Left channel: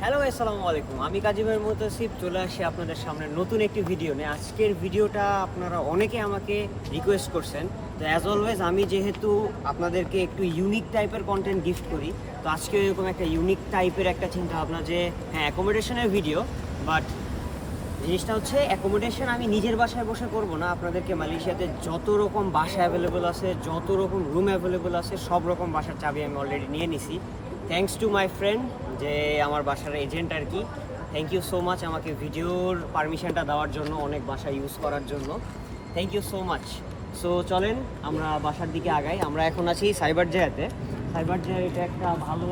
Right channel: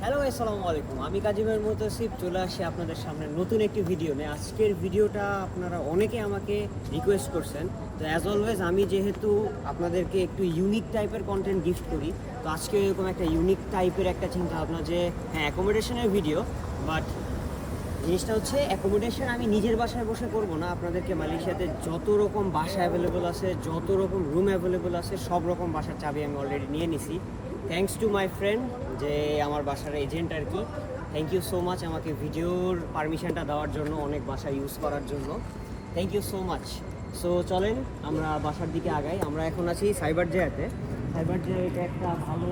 Hello আসসালামু আলাইকুম, আমি কাজীবের মুতাসিফ চলে আসি আপনাদের সামনে নতুন একটি ভিডিও নিয়ে। আজকের ভিডিওটা আপনারা অনেকে আমাকে রিকোয়েস্ট করছেন, তো অ্যাজ অলওয়েজ আমি যেহেতু আপনাদেরকে একটু ইউনিক টাইপের কন্টেন্ট গিফট করি, তো আজকে এরকম একটা ইউনিক টাইপের একটা চিন্তা ভাবনা যে হ্যাঁ অ্যাকোমোডেশনের ভিডিও, বাট জিনিসটা হচ্ছে অ্যাকোমোডেশন আমি নিজের বাসায় বসে করব না। আপনাদেরকে মালয়েশিয়াতে যত রকম বাসা অ্যাভেলেবল আছে, যত রকম রুম অ্যাভেলেবল আছে, সব রকম বাসার চাবি আমি অলরেডি নিয়ে নিছি, থ্যাঙ্কস টু মাই ফ্রেন্ড, যে আমার বাসার এজেন্ট আর কি। থ্যাংক ইউ সো মাচ আমাকে ভিডিওর পারমিশনটা দেওয়ার জন্য, অনেক বাসা ইউজ করার জন্য। Thank you so much. So চলেন আমরা বাসার দিকে আগাই। আমরা এখন আছি সাইবার জায়াতে। সাইবার জায়া এটা একটা ভালো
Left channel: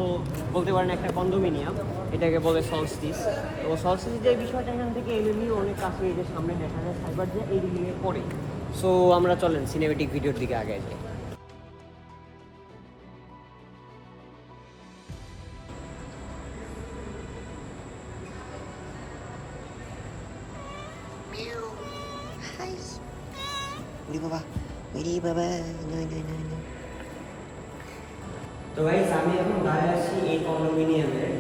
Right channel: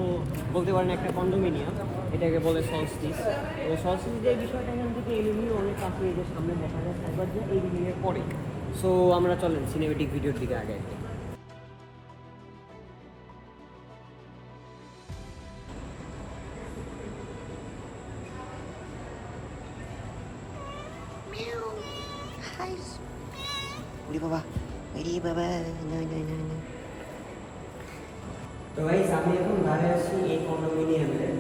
বলতে পারেন একটা কন্ডোমিনিয়াম, এটাকে বলে সলস্টিস। তো সলস্টিস যে বিষয়টা এখান থেকে এলিমির অনেক কাছে, এই যে সামনে দেখা যায় সাইবার জায়া এলিমিনের পরে। সো আমরা চলেন সিনেমেটিক ভিডিওর দিকে আগাই যাই। Uri baba, uri baba, no no no no. তো গাইস আমি এখন দাঁড়িয়ে আছি এই কন্ডোমিনিয়ামের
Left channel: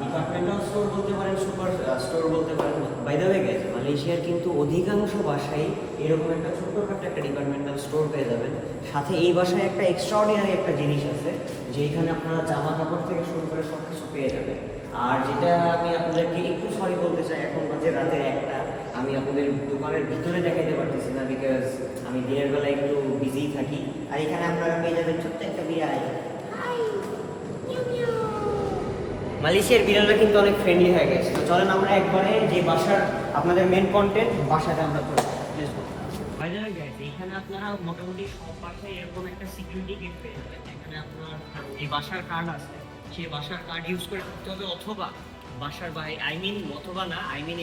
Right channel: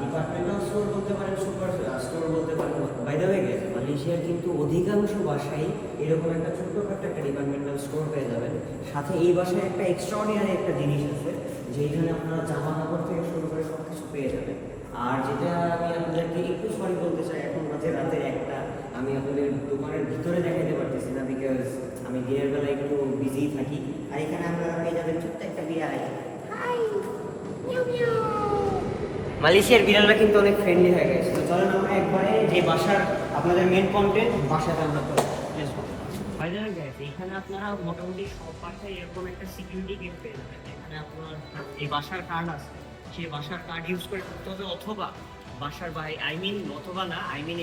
ডিপার্টমেন্টাল স্টোর বলতে পারেন, সুপার স্টোর বলতে পারেন। বাই দ্য ওয়ে গাইস, মালয়েশিয়ার কিন্তু অধিকাংশ বাসায় এরকম একটা ছোট্টখাটো একটা ডিপার্টমেন্টাল স্টোর পেয়ে যাবেন। সাথে এই বাসায় একটা এক্সট্রাঅর্ডিনারি একটা জিনিস আছে, যে এখানে আপনারা জামা কাপড় থেকে শুরু করে সব কিছু পেয়ে যাবেন। আর যেটা আমি আপনাদেরকে একটু সরি বলতে চাই, এখন বাজে রাতের একটা, আমি আপনাদের দোকানের ভিতরে দেখাইতে পারতেছি না, বিকজ আমি দিনের বেলা একটু বিজি থাকি। আর এখানে আপনারা পেয়ে যাবেন ছোট্ট একটা বিড়াল। মালয়েশিয়ার বিড়ালরা কিন্তু অনেক ফ্রেন্ডলি হয়ে গেছে। তো চলেন আমরা একবারে যে বাসার আপনাদের মেন কন্টেন্ট বাসাটা আমরা করি। এখানে আপনারা মোটামুটি সব বাসায় এরকম একটা সিকিউরিটি গেট পেয়ে যাবেন। এখানে আপনার এই বাসার কার্ড আছে, সেই বাসার কার্ড ইউজ করে ঢুকতে হবে, অথবা বাসার বাইরে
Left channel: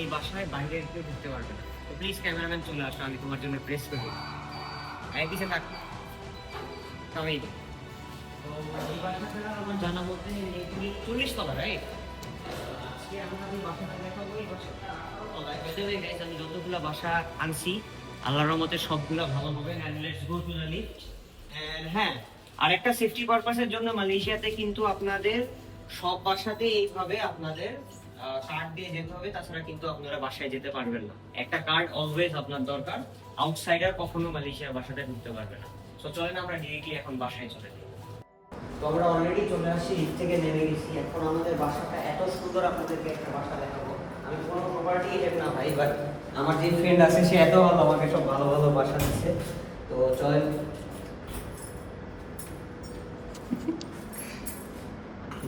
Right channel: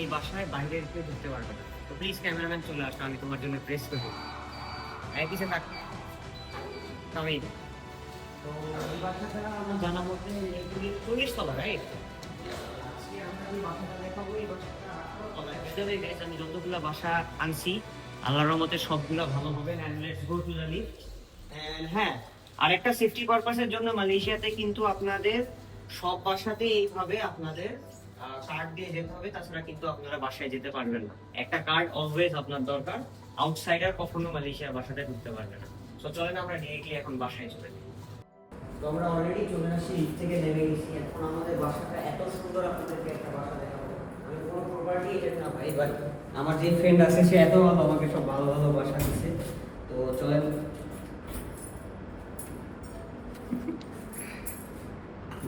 এই বাসায় বাইরের কেউ ঢুকতে পারবে না। তো প্লিজ ক্যামেরাম্যান চলে আসো, আমি তোমার জন্য প্রেস করবো। পিছিয়ে থাকো আমি। তো এই বাসাটা আমার জানা মধ্যে 40 তলা, রাইট? আজকে আমরা এই বাসাটা দেখাবো। এই বাসাটা 18 তলায়। গাইস আমি যতগুলা বাসা আনছি আল্লাহর রহমতে সবগুলা ভালো হবে। And let's go to the lift. And হ্যাঁ, আরেকটা সেফটি পারপাসের জন্য মালয়েশিয়াতে কিন্তু আপনাদের সব বাসাতে এইভাবে আপনাদের কার্ড দিয়ে যেতে হবে, তাছাড়া কিন্তু আপনারা বাসায় যেতে পারবেন না। একটা কার্ড অলওয়েজ আপনার দরকার, আউটসাইডার কখনো মালয়েশিয়ার বাসাতে ঢুকতে পারবে না। সো চলেন আমরা ডিরেক্টলি এখন বাসায় চলে যাই। তো আমরা অলরেডি চলে আসি, লিফট থেকে নেমে গেছি। এখন আমাদের বাসাটা এত সুন্দর, আপনাদেরকে একটা বাসা দেখাবো। আমি কোনো প্রপার্টি এজেন্ট না ভাই, বাট আমার যে ফ্রেন্ড আছে সে এত ভালো, আমাকে সব ভালো ভালো বাসা দিচ্ছে। তো চলেন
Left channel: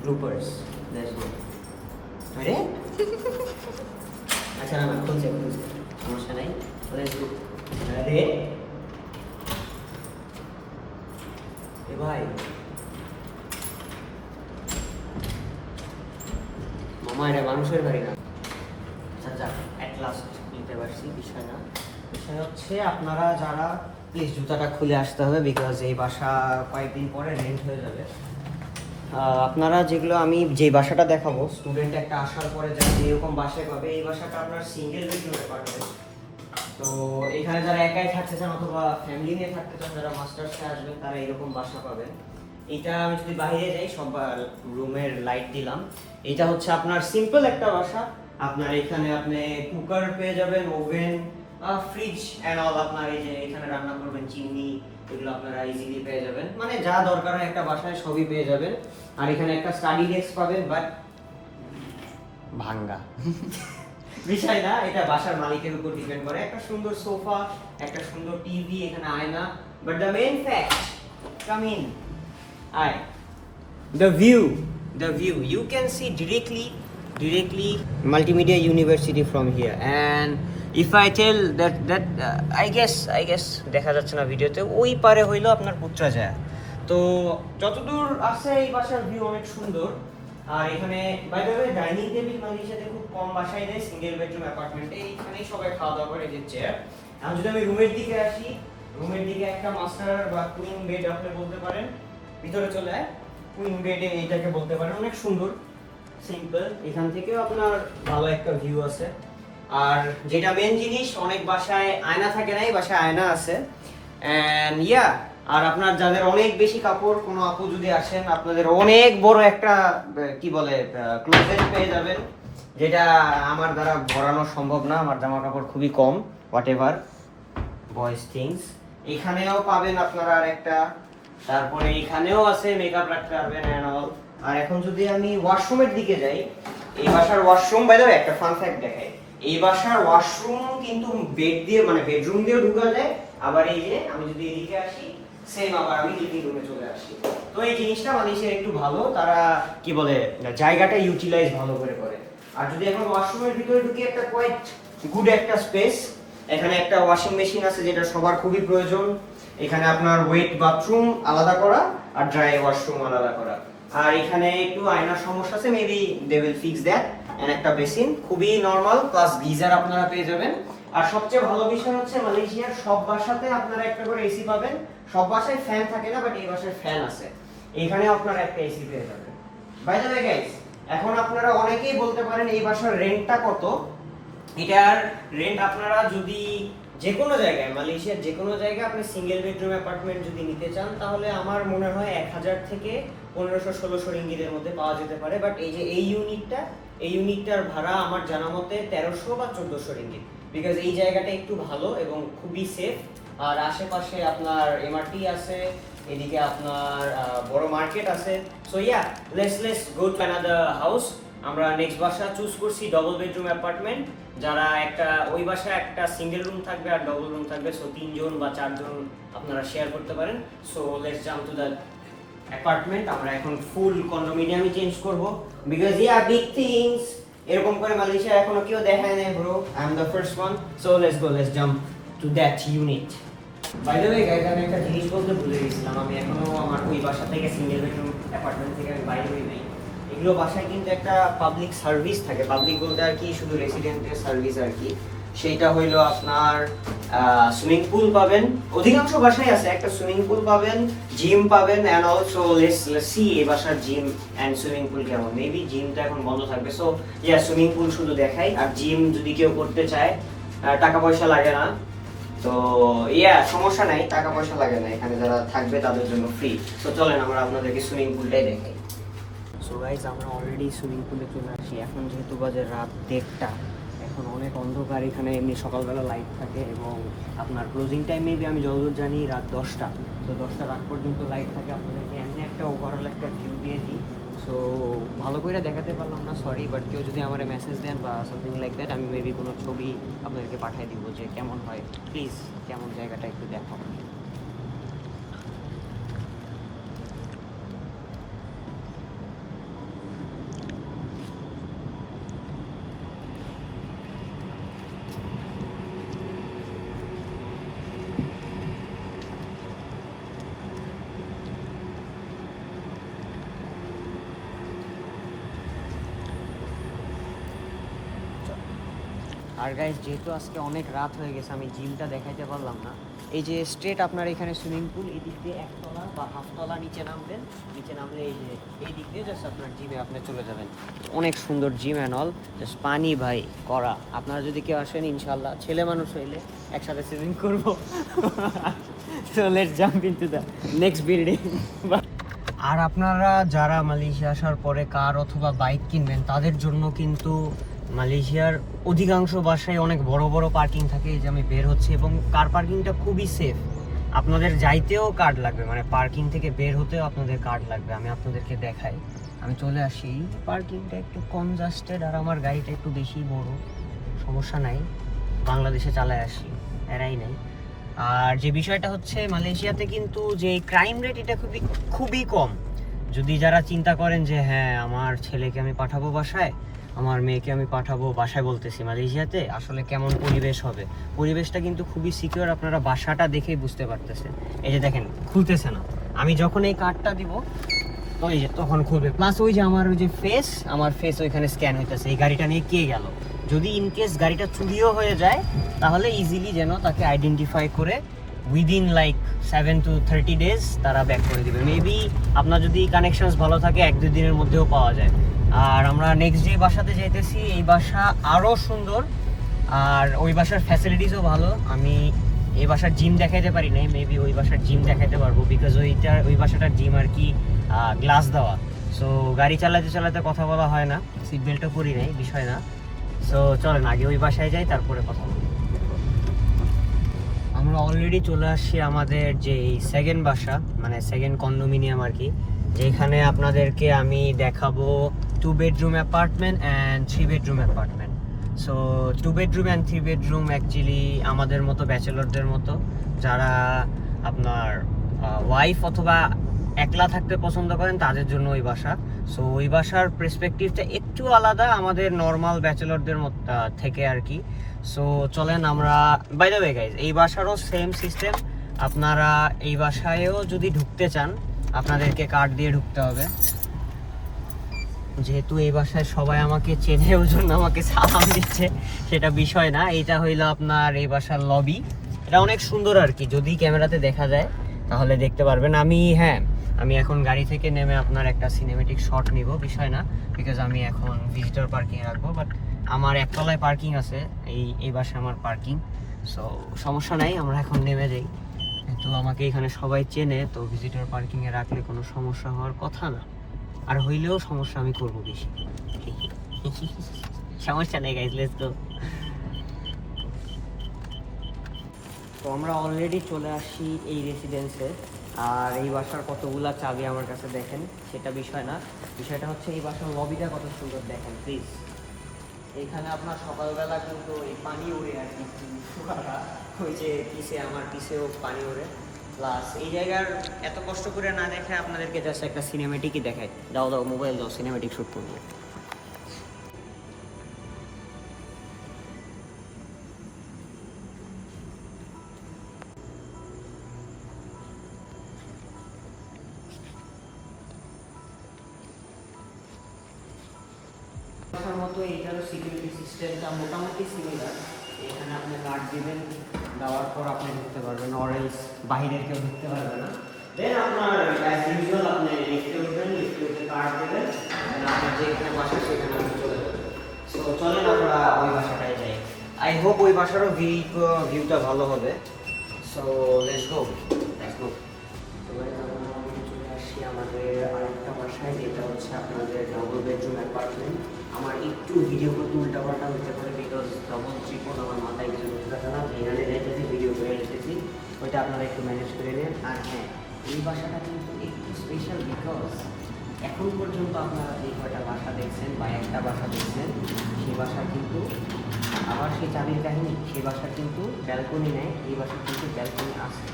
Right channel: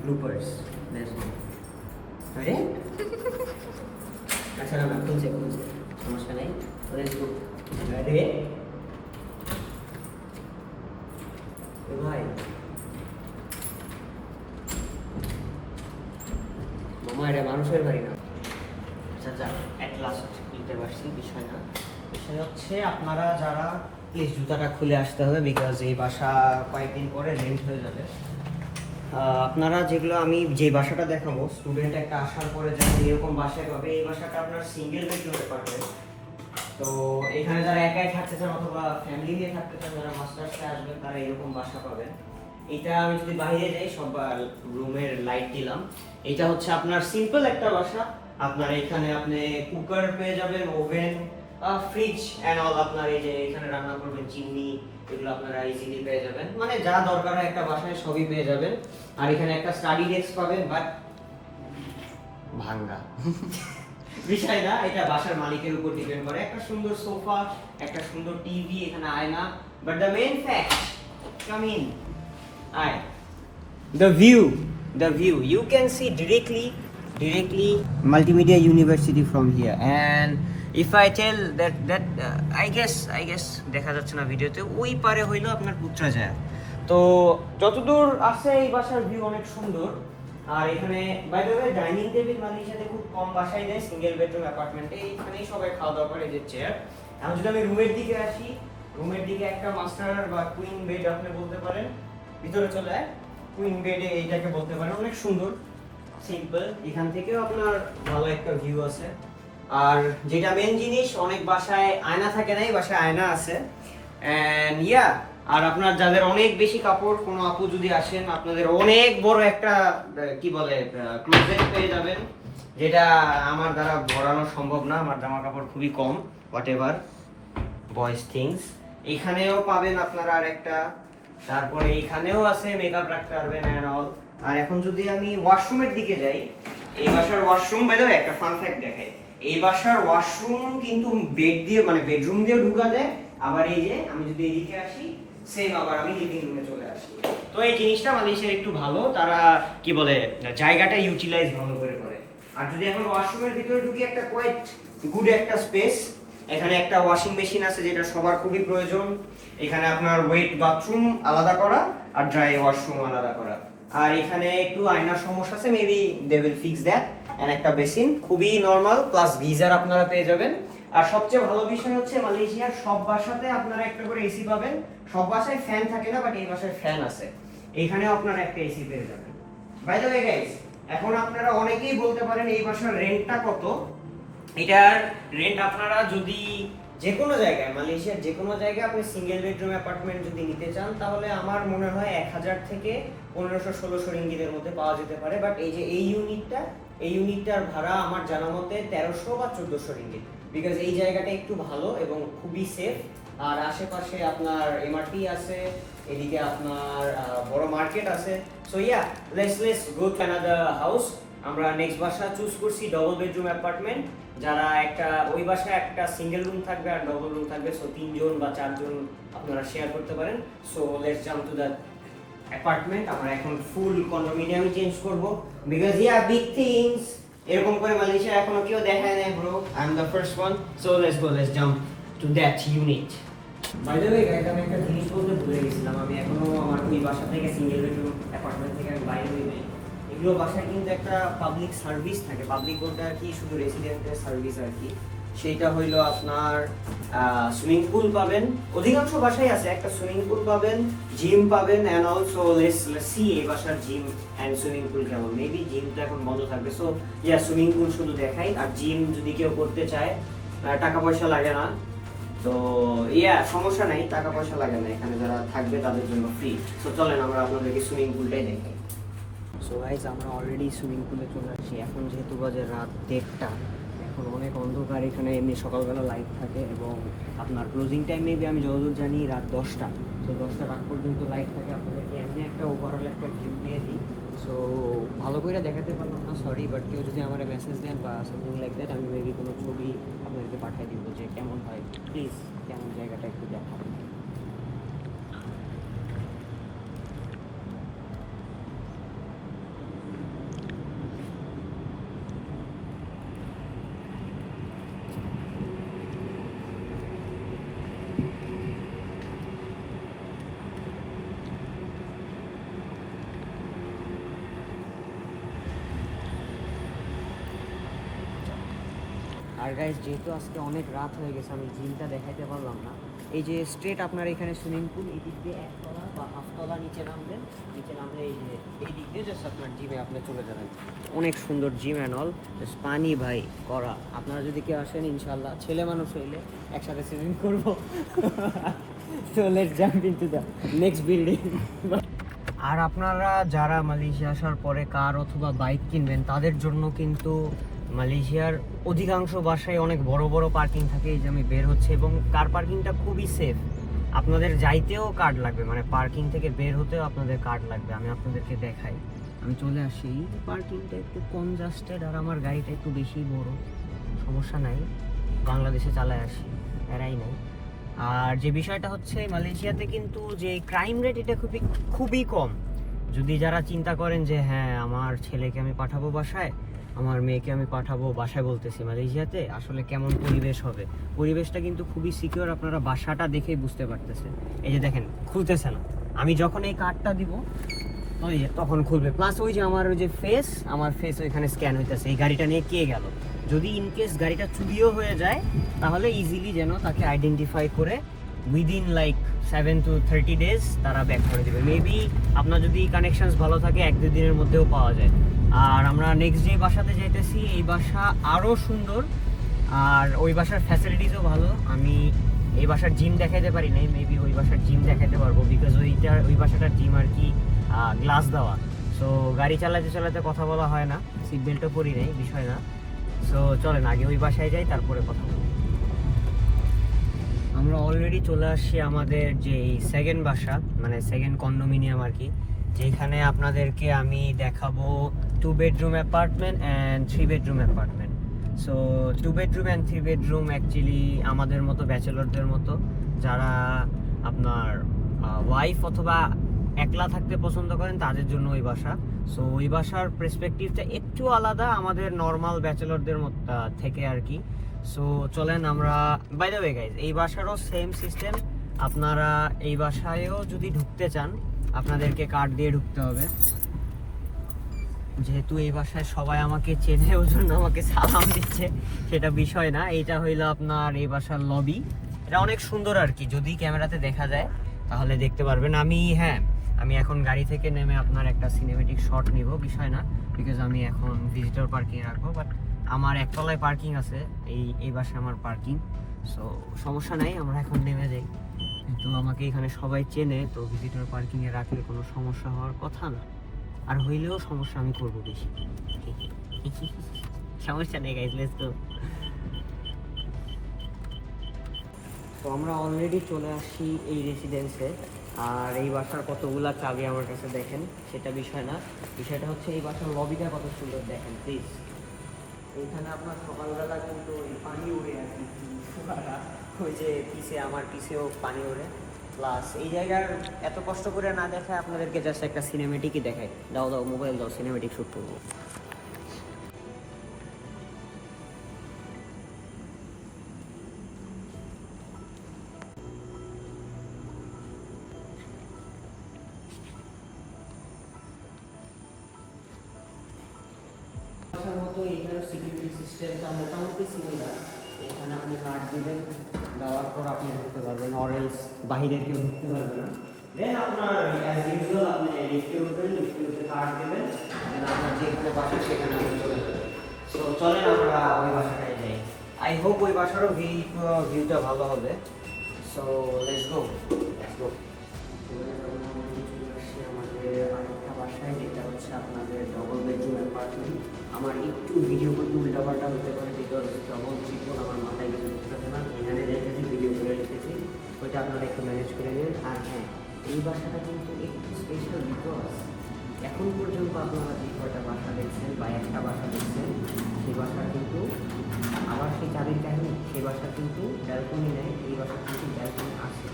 গ্রুপার্স, লেটস গো। আরে আচ্ছা না খুলছে, সমস্যা নাই, লেটস গো। আরে এ ভাই, মামা এটা মানুষের বাড়ি না। আচ্ছা অ্যাট লাস্ট বুঝতে পারছি, বিষয় না। বিষয় হচ্ছে আপনারা যারা, প্লিজ জুতাটা খুলে আসতে হবে, বিকজ এই বাসা কয়েকদিন পরে রেন্ট হয়ে যাবে। আপনারা যেগুলো আমি যে বাসাটা দেখাবো, স্টুডেন্ট একটা আসার পরে যারা এরকম বাসায় পাবে, এই বাসাটা আপনার সিঙ্গেল বেডরুমে পাবেন। তো এখানে যারা একাই থাকতে চান অথবা ফ্যামিলি নিয়ে থাকতে চান, যারা মাস্টার্সে আসবেন, তারা এরকম বাসা পাবেন। এইটা আমি যদি বাইরে যাই, সব রুমের লাইট দিলাম। এটা হচ্ছে আপনার সিম্পল একটা বাসা। আপনার এখানে আপনি কুকার পেয়ে যাবেন, ওভেন, ফ্রিজ অ্যান্ড অল। আপনার এই যে এখানে রান্না করবেন, চিমনি, এগুলো আপনারা ইজিলি পেয়ে যাবেন। মানে যা দরকার হয় একটা বাসায় সবই পেয়ে যাবেন। আর এখানে একটা স্টাডি ডেস্ক পাবেন, বাট ভাঙ্গা। বিষয় না, এটা বাসার মালিকের উপর ডিপেন্ড করে। একটা সুন্দর সোফা, একটা সুন্দর টিভি, এখানে আয়না, but the main fact, come in, আয়, the view you can see directly multimedia university from here. And if I tell that I guess দেখা যাচ্ছে না ভিডিওতে, ওই পারে হইলো আপনার পুত্রাজায়া। তো যতদূর আছে এই বাসার ভিউ অনেক সুন্দর। আর এখানে by the way dining table মালয়েশিয়াতে খুব কম বাসায় নেই, সিঙ্গেল বেডরুম অ্যাপার্টমেন্টে এইখানেই সবাই খাওয়া দাওয়া করে। এই যে চেয়ার। এখন যদি আমি রুমের দিকে আসি, রুমের দিকে একটা মাস্টার বা কুইন বেড আপনি বলতে পারেন, ভিতরে চলে যায় কুইন বেডে, এইটাকে বলতে পারেন। অনেক সুন্দর, সিম্পল। এখান থেকেও আপনার ভালো একটা ভিউ আছে। আর যেটা মেন জিনিস, অনেক বাসায় আয়না থাকে না, এই বাসায় আয়না আছে। এন্ড ইয়া, আর আপনার যাদের অনেক বেশি কাপড়, কোনো আপু যদি আসেন আপনাদের অনেক বড় একটা কি বলে ক্লোজেট পেয়ে যাবেন, যেটা আমার দ্বারা ভরানো সম্ভব না, আমার জামা কাপড় খুবই কম, হোয়াট এভার বয়েজ থিংস। এখানেও পাবেন আপনারা আরেকটা, তারপরে এখানেও আছে মেকআপ রাখতে পারবেন এন্ড অল। আর এখন যদি আমি ওয়াশরুমের দিকে যাই, এই বাসার ওয়াশরুম বাই দ্য ওয়ে একটা ফান ফ্যাক্ট দেখাই, এই বাসার ওয়াশরুম কিন্তু বেড দিয়ে মানে বেডরুম দিয়েও ঢোকা যায়, আবার এই যে আমি যদি এদিকে আসি সেম আবার আমি লিভিং রুমে চলে আসি। তো এই জিনিসটা মালয়েশিয়ার একটু ভালো, তারা কি বলে জায়গাটা ইউটিলাইজ ভালো করে করে। আর যদি এখন ওয়াশরুমের ভিতরে ঢুকি, একটা কোয়াইট গুড একটা স্পেস, এখানে একটা ওয়াশিং মেশিন আছে যেটা সবার খুবই প্রয়োজন, এখানে আপনার ওয়েট বাথরুম আলাদা করা আর ড্রাই ওয়াশরুম আলাদা করা। আর এখানে একটু আয়নার সমস্যা আছে, maybe they will fix that. And একটা বেসিন খুবই নরমাল, প্লাস গিজার আপনারা পেয়ে যাবেন। আর সবচেয়ে ভালো বিষয় হচ্ছে মালয়েশিয়ার সব বাসাতে আপনারা একটা করে এসি পাবেন। সব বাসায় ফ্যান থাকে না, বাট এই বাসায় ফ্যান আছে, এখানেও আপনারা একটা এসি পেয়ে যাবেন। বাই দ্য ওয়ে গাইস, এখন আপনারা অনেকেই বলতে পারেন এই বাসার রেন্টটা কত। এটার রেন্ট আপনারা যদি যে কোনো জায়গায়, মালয়েশিয়ার যে কোনো জায়গায় আপনি সিঙ্গেল বেডরুম অ্যাপার্টমেন্ট যদি নিতে চান, তাহলে আমার মনে হয় 1000 থেকে 1500-1600 রিঙ্গিতের মধ্যে পাওয়া যেতে পারে। বাট এই যে এই ইউনিটটার ভাড়া আমার জানা মতে 1300 বা 1400 রিঙ্গিত, বিকজ এই জায়গাটা একটু ভালো এবং খুবই সেফ। আর আশেপাশে আপনার এমআরটি আছে, এদিকে আপনার বড় মার্কেট আছে। So yeah, let's go to another house. আমরা নেক্সট বাসা চুজ করছি ডবল বেডরুম অ্যাপার্টমেন্ট, যারা একটা ওই বাসায় একটা সিঙ্গেল রুম থাকবে আর ডবল রুম থাকবে, সো 3 জন বা 4 জন আপনারা শেয়ার করতে পারেন। So let's jump to the apartment. আমরা এখন ফুল কন্ডোমিনিয়ামে চেঞ্জ করব, বিকজ ইয়া বিগ থিংস এরকম করে মালয়েশিয়া এখনো কেউ দেখায় নাই bro, I am the first one. So let's jump to that unit. By the way guys, আমি একটা জিনিস বলতে ভুলে গেছিলাম, আমি এখনো আমার ওই বাসা থেকে সিঙ্গেল বেডরুম অ্যাপার্টমেন্ট থেকে আমি বাইরে হই নাই। এগুলো বাসায় কিন্তু একটা পাবলিক সার্ভিস থাকে, পাবলিক বলতে আর কি শুধু রেসিডেন্টের সার্ভিস আর কি। সেইটা হইলো আপনার সুইমিং পুল পাবেন, অধিকাংশ বাসায় আছে, একটা সুইমিং পুল পাবেন, জিম পাবেন, অ্যান্ড অলসো লেটস সি এই বাসার জিম অ্যান্ড সুইমিং পুল কেমন। মেবি জিমটা এখন বন্ধ থাকবে, সো ইয়া সুইমিং পুল শুধু দেখাই। আর জিম যদি কেউ করতে চায়, টাকা পয়সা লাগে না, তো ইয়া সমস্যা নাই, টাকা পয়সা লাগে না, এখানে যারা থাকবে তাদের জন্য ফ্রি। তো চলেন আমরা আপনাদেরকে সুইমিং পুলটাই দেখাই। সো গাইস, আমরা অলরেডি সুইমিং পুলে চলে আসি। এখন যেহেতু বাজে রাত 1:30, এখন অনেক অন্ধকার, এখানে এমনি সকালবেলা লাইট থাকে এবং আপনার ক্লোজিং টাইম মেবি আমি যতদূর জানি রাত 10টা। তো 10টার আগ পর্যন্ত লাইট থাকে। আপনাদেরকে এমনি একটা ওভারঅল একটা ভিউ দিয়ে দিই। সো ভালো করে দেখাতে পারলাম না, সরি, বাট কেউ যদি আমার মেসেজ দেন বা সামথিং লাইক দ্যাট, আমি মেবি কোনো ছবি আপনাদেরকে পাঠিয়ে দিব যে কেমন হয়, প্লিজ কেমন জায়গাটা একটু দেখান। আর গাইস, যেহেতু আজকে অনেক রাত হয়ে গেছে, আমি জিমটা দেখাইতে পারলাম না। এই যে স্ট্রেট আপনার এখানে সুইমিং পুল, এই দিক দিয়ে 1 তলা বা হাফ তলা নিচে নামবেন, নিচে নামলে এই যে এই দিক দিয়ে জাস্ট আপনার জিমে আপনি চলে যাবেন। অনেক সুন্দর জিম অ্যান্ড অল, জাস্ট পানি ভাই করা। আপনারা যদি কেউ আসেন, ইনশাল্লাহ ছেলে মানুষ হইলে একসাথে সুইমিং করবো। So let's jump into the next building. আর আপনারা যারা মালয়েশিয়া আসার পরে কার অথবা বাইক কিনবেন, তাদের জন্য কিন্তু মালয়েশিয়ার অধিকাংশ বাসায় অনেক বড় বড় পার্কিং থাকে। এই যে আমি বের হচ্ছে, এবং কার পার্কিংটা খুবই সেফ। আপনাদের যাইতেও কার্ড লাগবে, মানে পার্কিং থেকে বের হতেও আপনাদের কার্ড লাগবে। আমি আপনাদেরকে দেখাই, আমি চলে আসি। এই পার্কিংটা একটু কনজাস্টেড, আর আমার গাড়িটা একটু বেশি বড়, সমস্যা নাই, বাংলাদেশে চালায় আসি, এরাই নাই। আর যে বিষয়টা হচ্ছে, মালয়েশিয়াতে কিন্তু যে ক্রাইম রেট, এটা খুবই কম। যদি যারা চিন্তা করেন যে হ্যাঁ আমার ছেলেকে আমি পাঠাবো বাসায়, আমার মেয়েকে আমি পাঠাবো বাসায়, বলতেছি মালয়েশিয়াতে আসলে কেমন পরিবেশ হবে, পরিবেশটা কিন্তু খুবই সিকিউর। আপনারা বাসাটা দেখেই বুঝতে পারতেছেন। এই যে দেখেন, খুলতেছে না, আমি যখন এই কার্ডটা দিব তো এই যে তখন খুলবে। প্লাস ওই যে আমার ওই যে আমার ফেস ওইখানে স্ক্যান হইতেছে। এই গাড়িটা নিয়ে কে গেল, যদি ইনকেস গাড়িটা চুরিও হয়ে যায়, তাহলে ইজিলি যেন তাকে আইডেন্টিফাই করে উইদিন লাইক 7 to 30 days তারা ব্যাক করে দেবে। মেবি আপনার যদি কানেকশনস ভালো থাকে 1-2 দিনের মধ্যেও পাওয়া যায়। আর আমরা নেক্সট যে বাসাতে যাইতেছি, এই বাসা আরও সুন্দর, আর ওই বাসার ফ্যাসিলিটিসও ভালো। আমি এই বাসার জিম দেখাইতে পারি নাই, মেবি ওই বাসার জিম দেখাইতে পারবো, বিকজ ওই বাসাটার জিম আর কি গ্লাস দেওয়া। সো গাড়ি চালাতে চালাতে কথা বলা হয় না, সিট বেল্টও পরি নাই, বিষয় না। সো চলেন আগে ওই বাসায় যাই, তারপরে কথা বলবো। আমরা অলরেডি চলে আসছি আমাদের যে সেকেন্ড বাসা, মানে সেকেন্ড কন্ডোমিনিয়াম আর কি, যেখানে আপনাদেরকে আমি দেখাবো 2 bedroom apartment and 3 bedroom apartment. So 2 bedroom and 3 bedroom actually আমাদের মতো ব্যাচেলরদের মতো, যারা আপনার ওয়াইফ অথবা একলা থাকতে পছন্দ করেন তাদের জন্য ওই বাসা। সো ওই বাসার পার্সপেক্টিভটা একটু আলাদা আমাদের নর্মাল ব্যাচেলরদের থেকে আর কি। সো চলেন আমরা, বাই দ্য ওয়ে গাইজ, এই বাসারও সেম সিস্টেম। আপনারা এই বাসায়ও যদি ঢুকতে চান আপনাদেরকে কার্ড দিয়ে ঢুকতে হবে। যেহেতু এই বাসায় সবাই আমাকে চেনে, ওই জন্য আমাকে সালাম দিচ্ছে, সেটা বিষয় না। এইটা হইলো আপনার এই বাসার লবি। এটা অনেক সুন্দর আর কি, যদি ক্যামেরাতে দেখা যায় তাহলে দেখতে পারবেন। আমি এখন গাড়ি থেকে নেমে আপনার একটা সিনেমেটিক শট নিব, বিষয় না, বিকজ আমি এখন ভিজিটর পার্কিং রাখবো। বাট আমার একতলায় পার্কিং আছে, এই বাসায় আমার পার্কিং। সো সমস্যা নাই, আমরা এখন নেমে যাই। কিন্তু আমাকে এখানে সবাই চেনে, তো ভিজিটর পার্কিংয়ে রাখলে কোনো সমস্যা হওয়ার কথা না, আর হইলেও সমস্যা আমি করবো বেশি। সমস্যা নেই গাইজ, লেটস গো। তো আমরা অলরেডি চলে আসছি এই রেসিডেন্সে, আর এই বাসার কতগুলা চাবি আমার কাছে দেখেন, সেটা বিষয় না। বিষয়টা হচ্ছে এই বাসার লবিটা কত সুন্দর দেখেন প্লিজ। এইখানে আপনার সকালবেলা কিন্তু ওই পানি উড়ে আর কি, ওই যে আমার পিছেও পানি উড়ে। প্লাস এই জায়গার এত কষ্ট করে না দেখে আপনাদেরকে জাস্ট একটা সিনেমেটিকই দেখায়। দাও মোবাইল দাও, সিনেমেটিক শ্যুট করবো। বাসার মতো এইটারও সিকিউরিটি সিস্টেমটা মোটামুটি সিমিলার। এখানে আপনি কার্ড দিবেন, দেওয়ার পর আপনি ঢুকতে পারবেন, অরেলস বাহিরের কেউ ঢুকতে পারবে না। দেন আপনার অ্যাজ ইউজুয়াল আপনি লিফটে উঠবেন, লিফটে উঠে কার্ড দেবেন, দেন আপনার যেখানে বাসা সেখানে আপনি চলে যাবেন। সো চলেন আমরা ওই বাসাটায় যাই। আই হোপ ওই বাসারও ভিউটা ভালো হবে। So let's go. এবারে চলে আসছি আমাদের আরেকটা বাসায়, যেটা হচ্ছে আপনাদের ডবল বেডরুম অ্যাপার্টমেন্ট। আমার একটু ভিডিও করতে উল্টাপাল্টা হতে পারে, বিকজ ডবল ট্রিপল আমার মাথায় কিছু ঢুকতে থাকে না, যেখানে যাইতেছি ভিডিও করে এসেছি, ওইটা আপনারা একটু ম্যানেজ করে নেন। আর হ্যাঁ, এই বাসাটা কিন্তু একটু স্পেশাল, বিকজ এখন পর্যন্ত আপনারা যে কয়টা বাসা দেখছেন বা একটা বাসা দেখছেন, সেই বাসা কিন্তু আমার সেই চাবির কাহিনী, সেই বাসা কিন্তু ব্যালকনি নেয়, এই বাসা কিন্তু ব্যালকনি আছে।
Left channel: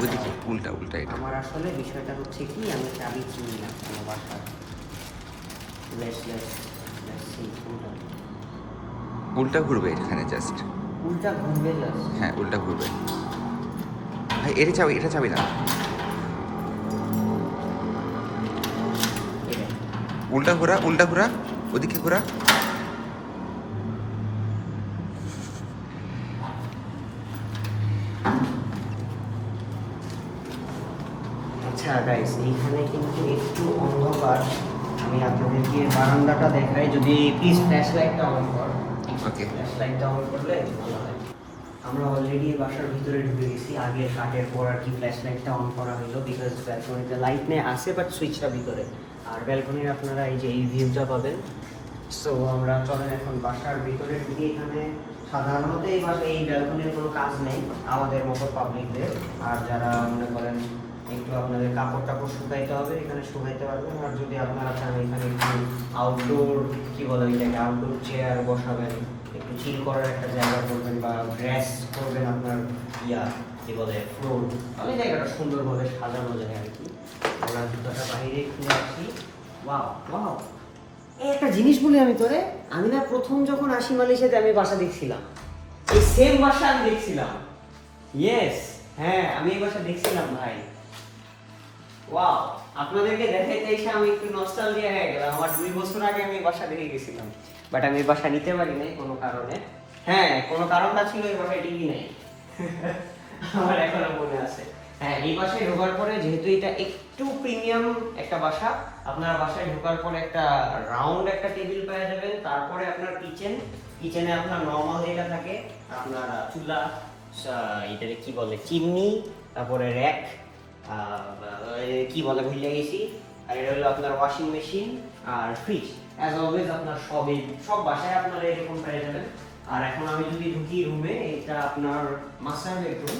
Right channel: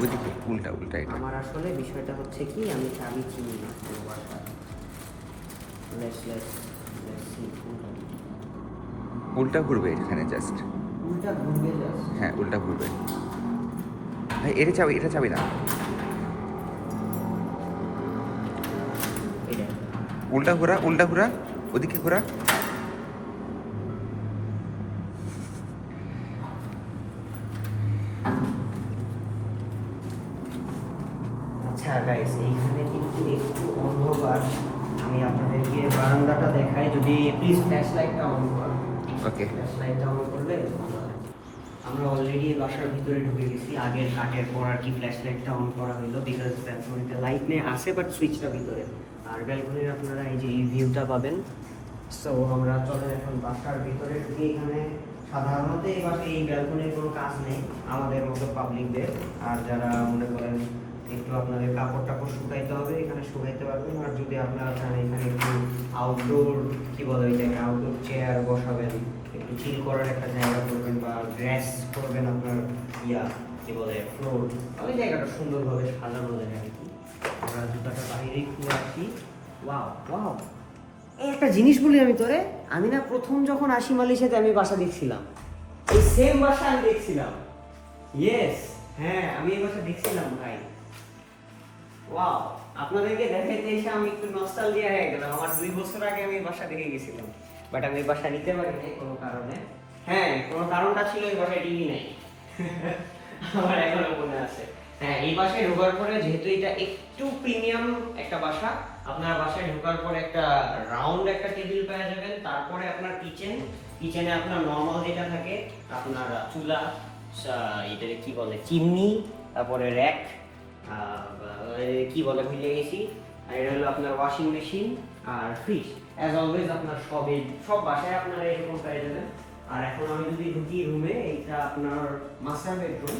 ওইদিকে উল্টা এটা। আমার আসলে বিষয়টা হচ্ছে কি, আমি চাবি চিনি না কোনো বাসা। উল্টা ঘুরবে এখানে জাস্ট। উল্টা ঘুরবে জাস্ট? হ্যাঁ উল্টা ঘুরবে ভাই। এটা চাবি না, উল্টা ঘোরা, ওদিকে ঘোরা। আচ্ছা গাইস, এইখানে কিন্তু একটু অন্ধকার, আমি আপনাদেরকে বারান্দাটা দেখাই। যদি প্লিজ ফ্ল্যাশ লাইটটা অন কর। ওকে, ফ্ল্যাশ লাইটটা অন করলে ভালো হয়। আমরা অলরেডি বাসার ভিতরে ঢুকে গেছি, আগের কাটের পর আর কি ফ্ল্যাশ লাইটটা অন করা হলো, বিকজ ব্যালকনিতে লাইট নেই আছে, বাট সুইচটা ভিতরে। আর ব্যালকনির আপনারা এই যে এই ভিউটা পাবেন। সো আমরা চলে এখন বাসার ভিতরে ঢুকে। এখানে সাধারণত এই ব্যালকনির কোনো কাজ নেই আমাদের মতো পাবলিকদের। আর যারা মনে করেন একটু আপনাদের কাপড় টাপড় শুকাইতে হবে, এখানে শুকাইতে পারবেন। আর যদি আপনারা চান এখানে একটু আউটডোর কি বলে ওইটাকে, আউটডোর চেয়ার বসাবেন, একটু চিল করার একটা জায়গা করবেন, বা গ্যাস করবেন আপনার কি বলে ফ্লোর, তাহলে জায়গাটা সুন্দরভাবে সাজানো যায় আর কি। আমরা জুতাটা বাইরে খুলে আসি। ওয়াও, এই একটা জিনিস বলি আমি তোরে, আমি না প্রথম যখন আসি মালয়েশিয়াতে আমি বাসা দেখছিলাম, এই সেম বাসা আমি দেখছিলাম। ইয়েস, হ্যাঁ আমি এই বাসা দেখছিলাম ভাই। ওয়াও, আপনাদেরকে দেখাইতে এসে আমি একটু নস্টালজিয়া হয়ে গেলাম। আমার 2 বছর আগে আমি এই বাসা দেখে গেছিলাম, বাট আমি এই বাসা নিতে পারি নাই কোনো কারণে। হ্যাঁ, কোনো কারণটা ছিল এই বাসায় টিভি নেই। আমার এখনো মনে আছে। হ্যাঁ, এই বাসায় ঢোকার পরে, যেহেতু এটা একটু প্রিমিয়াম একটা বাসা, আপনার বাসায় ঢোকার পরে একটা রাউন্ড একটা টেবিল পেয়ে যাবেন। তারপরে আপনার কিচেনে আপনার নর্মাল যেটা থাকে আপনার চুলা, এটাকে কি বলে, চিমনি, তারপরে র্যাক, কি বলে ভুলে গেছি। আর এটা হলো আপনার ওয়াশিং মেশিন আর ফ্রিজ। অ্যাজ অলওয়েজ আপনার সব বাসায় আপনারা এরকম পেয়ে যাবেন। আর এখন আমি যদি ঢুকি রুমে, এটা আপনার মাস্টার বেডরুম।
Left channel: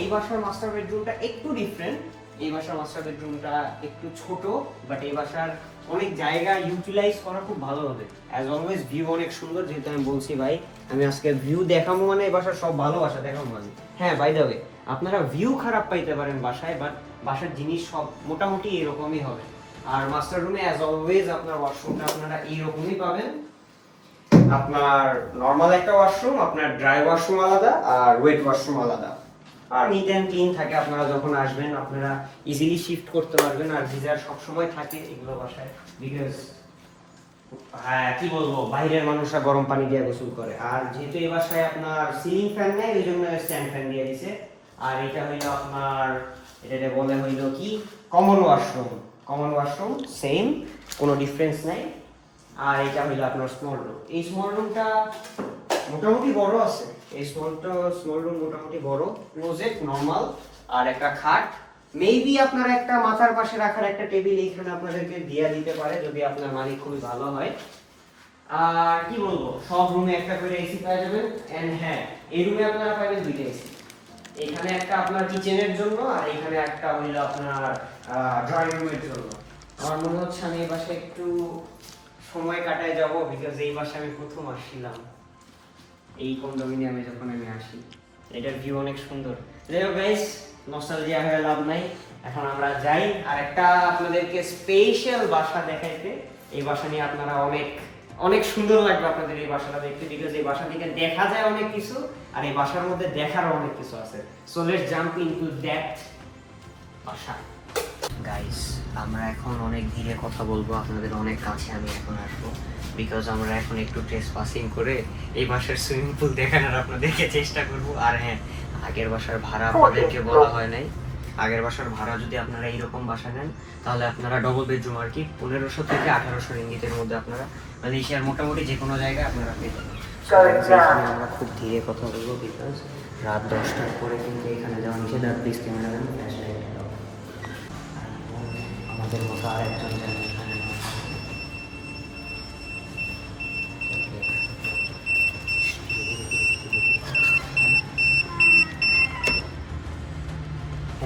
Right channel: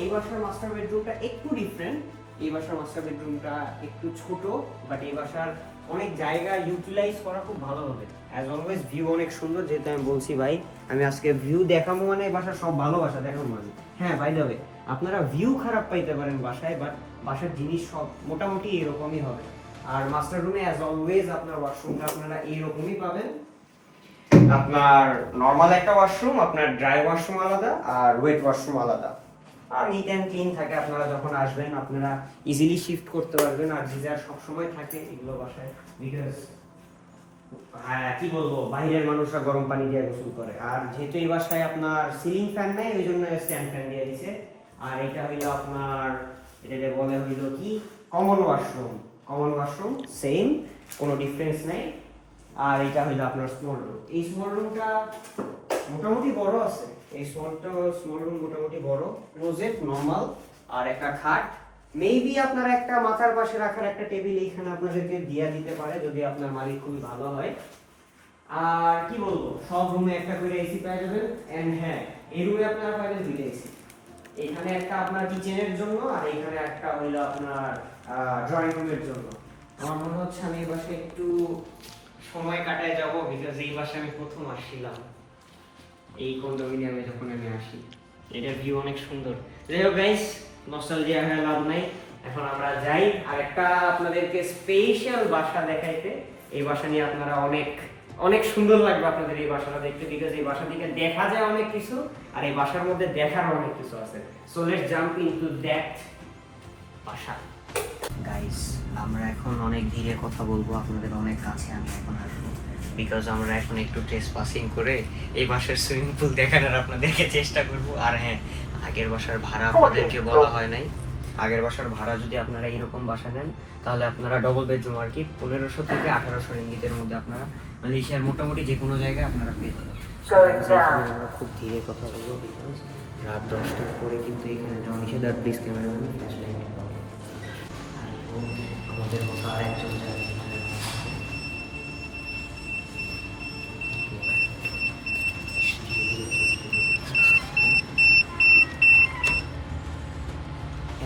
এই বাসার মাস্টার বেডরুমটা একটু ডিফারেন্ট। এই বাসার মাস্টার বেডরুমটা একটু ছোট, বাট এই বাসার অনেক জায়গা ইউটিলাইজ করা খুব ভালো হবে। অ্যাজ অলওয়েজ ভিউ অনেক সুন্দর, যেহেতু আমি বলছি ভাই আমি আজকে ভিউ দেখাবো মানে এই বাসার সব ভালো বাসা দেখাবো মানে। হ্যাঁ বাই দ্য ওয়ে, আপনারা ভিউ খারাপ পাইতে পারেন বাসায়, বাট বাসার জিনিস সব মোটামুটি এরকমই হবে। আর মাস্টার রুমে অ্যাজ অলওয়েজ আপনার ওয়াশরুমটা আপনারা এইরকমই পাবেন। আপনার নর্মাল একটা ওয়াশরুম, আপনার ড্রাই ওয়াশরুম আলাদা আর ওয়েট ওয়াশরুম আলাদা। আর নিট অ্যান্ড ক্লিন থাকে, আপনারা যখন আসবেন আপনারা ইজিলি শিফট করতে পারবেন। আর গিজার সবসময় থাকে এগুলো বাসায়, বিকজ হ্যাঁ কি বলবো, বাইরের মানুষরা গরম পানি দিয়ে গোসল করে। আর যেহেতু এই বাসায় আপনার সিলিং ফ্যান নেই, এই জন্য স্ট্যান্ড ফ্যান দিয়ে দিছে। আর এটা হইলো আপনার, এটাকে বলে হইলো কি, common washroom. Common washroom same, কোনো ডিফারেন্স নাই। আর এটা হইলো আপনার স্মল রুম। এই স্মল রুমটা মোটামুটি বড় আছে, এই স্মল রুম মোটামুটি বড়। ক্লোজেট নরমাল আর একটা খাট, মেবি আপনার একটা মাথার পাশে রাখার একটা টেবিল এখানে আপনাদেরকে দিয়ে দিতে পারে যদি আপনার মালিক খুবই ভালো হয়। আর কি বলবো, সব রুমে একটা করে এসি পেয়ে যাবেন। এন্ড হ্যাঁ, এই রুমে আপনারা পাবেন দুইটা এসি। এখানে একটা আপনার কিচেনের জন্য আর এখানে একটা হইলো আপনার ড্রয়িং রুমের জন্য। আমার মনে হচ্ছে আমি এই বাসায় একটু সময় কাটায় যাব, বিকজ এই বাসায় আমি প্রথম আসছিলাম এই কন্ডোমিনিয়ামে যখন আমি আসি। এটার ভিউ অনেক সুন্দর। যাই হোক গাইস, নস্টালজিয়া হয়ে লাভ নাই, এখন আমরা যাই আরেকটা আপনাদেরকে স্পেশাল বাসা দেখাইতে। এই বাসা নিয়ে আপনারা অনেক সুন্দর লাগবে আপনাদের এই বাসাটা দেখতে, বিকজ এই বাসা থেকে দেখা যায় অনেক কিছু আর এই বাসার মধ্যে দেখারও অনেক কিছু আছে। So let's jump into that বাসা। গাইস, আমরা এখন অনেক ধীরে কথা বলবো, আপনাদের অনেক কাছে আমি এখন আসবো, বিকজ আমরা এখন একটু টেস্ট পাসিং করে এই বাসার সুইমিং পুল দেখানোর আপনাদেরকে চেষ্টা করব। আর হ্যাঁ, আগের বাসার ভাড়া আপনাদেরকে বলা হয় নাই। আগের বাসার ভাড়া যদি আপনারা এইরকম বাসা নেন তাহলে আপনারা ডবল বেডরুম আর কি 1500 থেকে 1800 রিঙ্গিতের মধ্যে আপনারা মালয়েশিয়ার মোটামুটি যে কোনো জায়গায় আপনারা পেয়ে যাবেন। আমরা খুব ধীরে কথা বলবো, বিকজ রাত 10টার পরে কিন্তু এখানে যাওয়া নিষেধ। আর প্লিজ ক্যামেরাম্যান আমাদের মতো আর একজন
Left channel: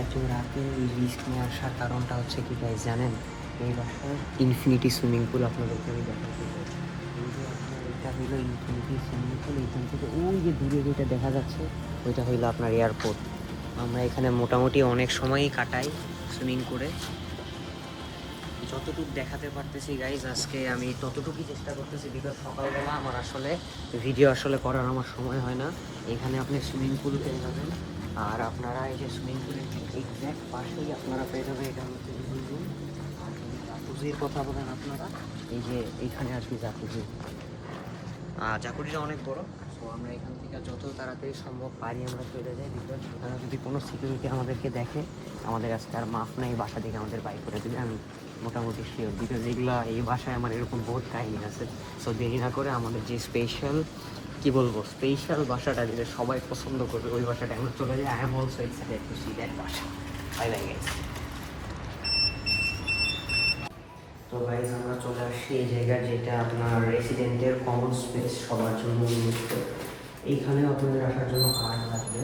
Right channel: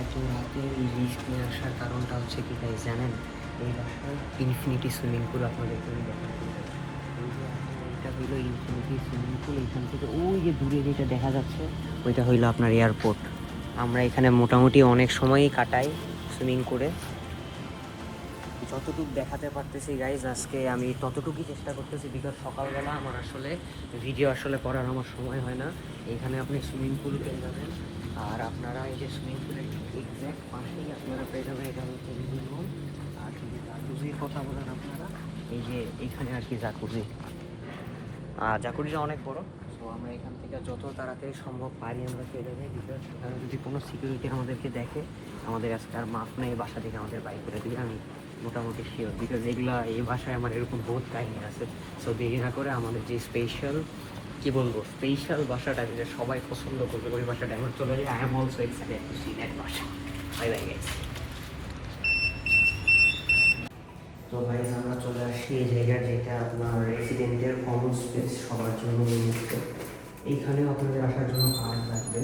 এত রাতে এই রিস্ক নিয়ে আসার কারণটা হচ্ছে কি গাইস জানেন, এই বাসায় ইনফিনিটি সুইমিং পুল আপনাদেরকে আমি দেখাতে চাই। এই যে এটা হইলো ইনফিনিটি সুইমিং পুল, এইখান থেকে ওই যে দূরে যেটা দেখা যাচ্ছে ওইটা হইলো আপনার এয়ারপোর্ট। আমরা এখানে মোটামুটি অনেক সময়ই কাটাই সুইমিং করে। যতটুকু দেখাতে পারতেছি গাইজ আজকে আমি ততটুকুই চেষ্টা করতেছি, বিকজ সকালবেলা আমার আসলে ভিডিও করার আমার সময় হয় না। এখানে আপনি সুইমিং পুল পেয়ে যাবেন, আর আপনারা এই যে সুইমিং পুলের এক্স্যাক্ট পাশেই আপনারা পেয়ে যাবেন এটা হচ্ছে লিভিং রুম। আর যদি জাকুজির কথা বলেন আপনারা, এই যে এইখানে আর কি জাকুজিটা অনেক বড়। সো আমরা এখান থেকে যত তাড়াতাড়ি সম্ভব পারি আমরা চলে যাই, বিকজ এখানে যদি কোনো সিকিউরিটি আমাদেরকে দেখে আমাদের আজকে আর মাফ নেই, বাসা থেকে আমাদের বাইর করে দেবে আমি মোটামুটি শিওর, বিকজ এগুলো এই বাসায় আমার এরকম বহুত কাহিনী আছে। সো দেরি না করে আমাদের যে স্পেশাল বাসাটা যেটা সবাই পছন্দ করবে ওই বাসাটা এখন চলে যায়। I am also excited to see that বাসা। Bye bye guys. তো গাইস, আমরা চলে আসছি এই জায়গার যেটা আপনার রেসিডেন্টের কমন স্পেস সবার জন্য উন্মুক্ত। এইখানেও আপনাদের আসার জন্য কার্ড লাগবে।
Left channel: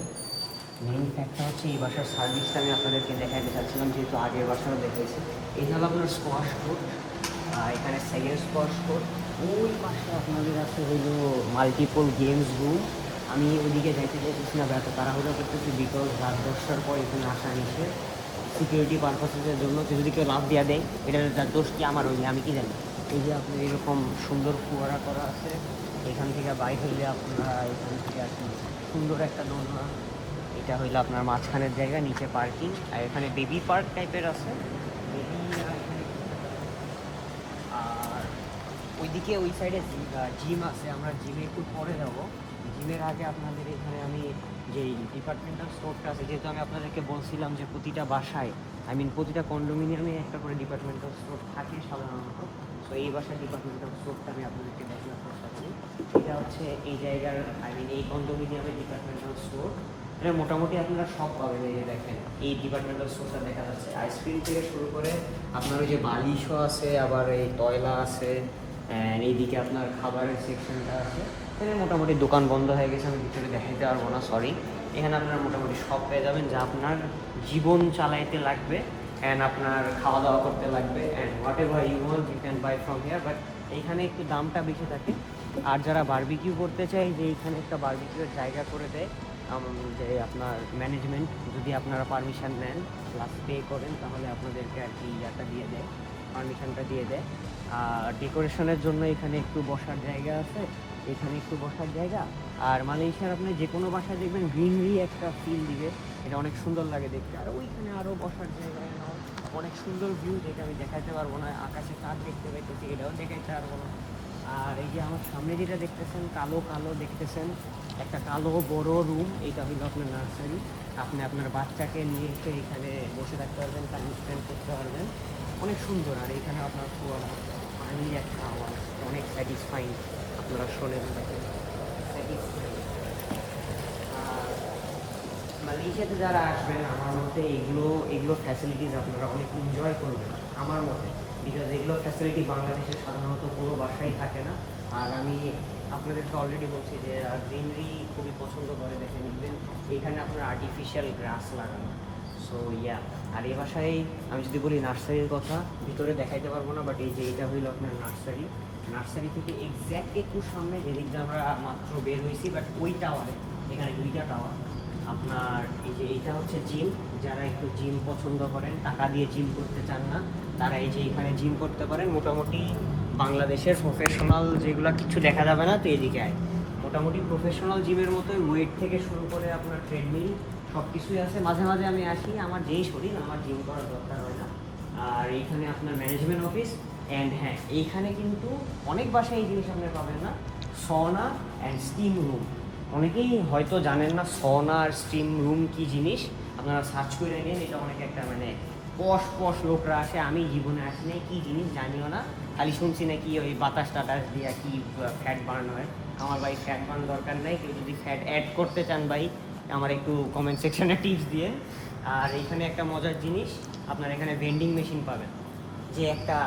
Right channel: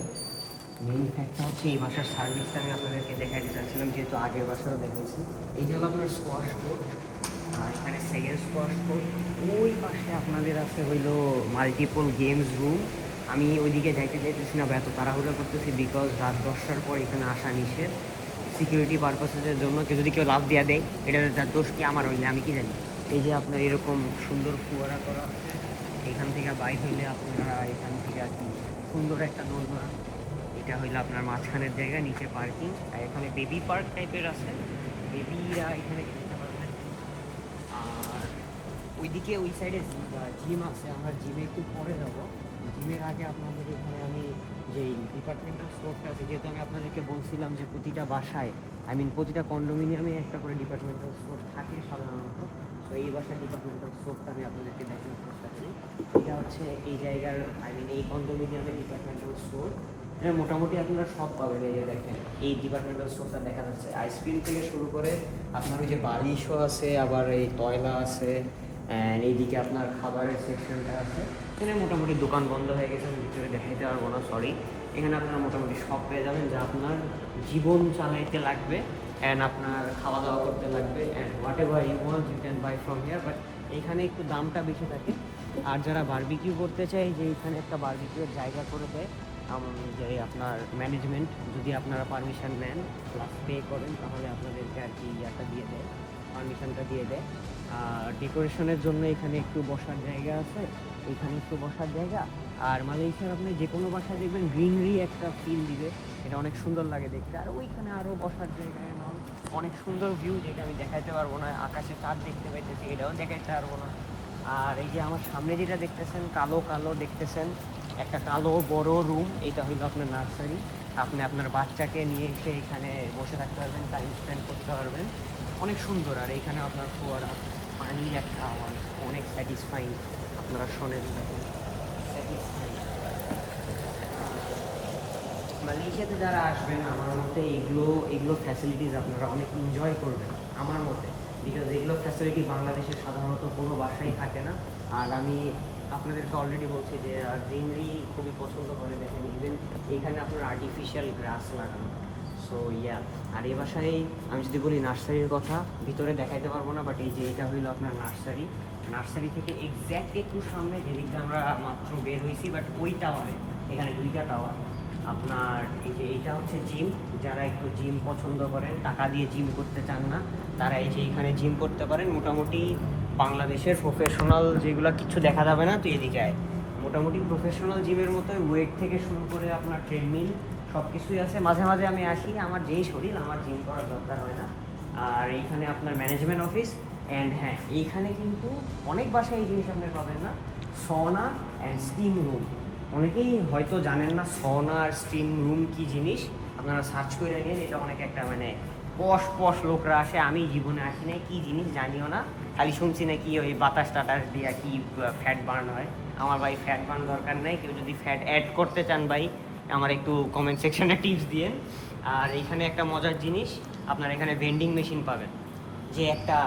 মেইন ফ্যাক্টর হচ্ছে এই বাসার সার্ভিসটা আমি আপনাদেরকে দেখাতে চাচ্ছিলাম, যেহেতু আগের বাসারও দেখাইছি। এই হলো আপনার স্কোয়াশ কোর্ট, আর এখানে সেকেন্ড স্কোয়াশ কোর্ট। ওই পাশে আপনাদের আছে হইলো মাল্টিপল গেমস রুম। আমি ওইদিকে যাইতে চাইতেছি না, এত তাড়াহুড়ো করতেছি, বিকজ রাত 10টার পর এখানে আসা নিষেধ সিকিউরিটি পারপাসের জন্য। যদি কেউ লাভ দেওয়া দেয় এটার দোষ কি আমার হইলে আমি কি জানি। এই যে আপনার এরকম সুন্দর ফুয়ারা করা আছে, এখান থেকে বাইক হইলে আপনারা এখান থেকে আর কি সুন্দর একটা দোলনা। এটা হইলো আপনার মাঝখানের জায়গা, নিচে পার্কিং, আর এখানে বেবি পার্ক টাইপের আছে, বেবিরা এখানে খেলতে পারবে। আর ওইদিকে ওই সাইডে জিম আছে, আমরা জিমে একটু পরে যাব। জিমের আগে আপনাদের এখানে আমি যে ডিপার্টমেন্টাল স্টোরটা আছে, যেহেতু আমি আপনাদেরকে বলছিলাম যে প্রতিটা বাসায় প্রতিটা কন্ডোমিনিয়ামে একটা করে ডিপার্টমেন্টাল স্টোর থাকে সাধারণত। তো এই বাসার ডিপার্টমেন্টাল স্টোরটা আমি আপনাদেরকে দেখানোর চেষ্টা করি। এটা হচ্ছে এই জায়গার এই কন্ডোমিনিয়ামের ডিপার্টমেন্টাল স্টোর। এটা মোটামুটি আপনারা সব পাবেন। এই যে দেখেন এই ডিপার্টমেন্টাল স্টোরটা দেখা যাচ্ছে, আইসক্রিম থেকে শুরু করে আপনার ওই যে বালিশও আছে, আবার এই তয়লা আছে, এইদিকে আপনার খাবারের সেকশনটা আছে। এখানে মোটামুটি দোকান বন্ধ হয়ে গেছে, আমি ভিতরে দেখাইতে পারবো না, সরি। এখানে আপনারা মোটামুটি সব পেয়ে যাবেন যা আপনার জীবন চালাইতে লাগবে অ্যান্ড আপনার খাওয়া দাওয়া করতে লাগবে, and whatever you want you can buy from here. But এইখানে একটু দামটা বেশি থাকে। আর যারা বারবিকিউ করতে চায়, যে এইখানে একটা বারবিকিউর জায়গা করে দেয় যে আপনার ম্যানেজমেন্ট, যদি আপনারা পারমিশন নেন প্লাস পে করেন, তাহলে আপনাদেরকে আর কি ইয়াটা দিয়ে দেয়, পারমিশনটা দিয়ে দেয়। আর ডেকোরেশনের জন্য এখানে একটু বসার জায়গা আছে, এখানে একটু বসার জায়গা। আর মালয়েশিয়ার আপনি যে কোনো বাসায় দেখবেন গ্রিনারি একটা ফিল দিবে, এটা অনেক সুন্দর লাগে দেখতে। আর ওইখানে আরও বসার জায়গা, অনেক সুন্দর ভিউ, যেটা আমি দেখাইতে পারবো না। আকাশে চাঁদ দেখতে পাইতেছি, এটাও দেখাইতে পারবো না। আর এই যে আমার সামনে যেটা দেখতেছেন কালো কালো দেখতেছেন, একটা কালো বড় রুম, এটা হলো আপনার নার্সারি। আপনি আপনার বাচ্চাকে নিয়ে এসে এখানে বসে থাকতে পারবেন, টাইম স্পেন্ড করতে পারবেন, অনেক সুন্দর। আর এইখানে আপনার ফোয়ারা, ফাইনালি একটা আওয়াজ, অনেক স্যাটিসফাইং, আপনারা শোনেন দেখেন, স্যাটিসফাইং। মালয়েশিয়াতে যারা আসবেন, আমার মতে এগুলো ফ্যাসিলিটিস আপনারা অনেক এনজয় করবেন আমার মতে, বিকজ এগুলো ফ্যাসিলিটি বাংলাদেশে সাধারণত কোনো বাসায় থাকে না। আর আমি আপনাদেরকে অলরেডি বলছি যে গ্রিনারি খুবই পছন্দ করে, দেখেন ইভেন এখানে আপনার আর্টিফিশিয়াল গ্রাস লাগানো। সো ইয়া, আর এই বাসায় আমি যদি বলি নার্সারির কথা, ভিতরে দেখাইতে পারবো না, বাট এই যে এটা হইলো আপনার নার্সারি। নার্সারি থেকে এক্স্যাক্ট একটু সামনে যেদিকটা আমরা মাত্র বের হয়েছি, বাট ওই টাওয়ারে, এখানে দুইটা টাওয়ার আপনার। এই যে এইটা হচ্ছে জিম, যারা একটু জিম পছন্দ করেন, টাকা দিয়ে জিম করতে চান না, তারা এই যে এখানে জিম করতে পারেন। মোটামুটি বাংলাদেশের প্রফেশনাল যেগুলো কিছু দেখা যাবে না, তো এদিকে আয়, মোটামুটি প্রফেশনাল জিমের মতোই ওয়েট থেকে শুরু করে আপনার ট্রেডমিল সব কিছুই আছে। মাঝে মাঝে আমি আসি, আমার যেই শরীর, আমার জিম করার দরকার হয় না। আর এইখানে আপনার ম্যানেজমেন্ট অফিস, অ্যান্ড হ্যাঁ, এইখানে কিন্তু অনেক বাসায় এই জিনিস আপনি পাবেন না, সনা অ্যান্ড স্টিম রুম। অনেকেই হয়তো জানেন না সনা আর স্টিম রুম কী জিনিস, আপনারা সার্চ করে নিন। এটা অনেক একটা মানে পশ লোকরা আসে, আমি জীবনে আসি নাই, কী জিনিস জানিও না, খালি শুনছি না কি ওই বাতাস টাতাস দিয়া কি ফ্যাট বার্ন হয়। আমার ভাই ফ্যাট বার্ন দরকার নাই, কেউ যদি ফ্যাট অ্যাড করতে চান ভাই আমার একটু কমেন্ট সেকশনে টিপস দিয়ে। আর এইখানে একটা মজার জিনিস, আপনার এখানে ভেন্ডিং মেশিন পাবেন, যে একটা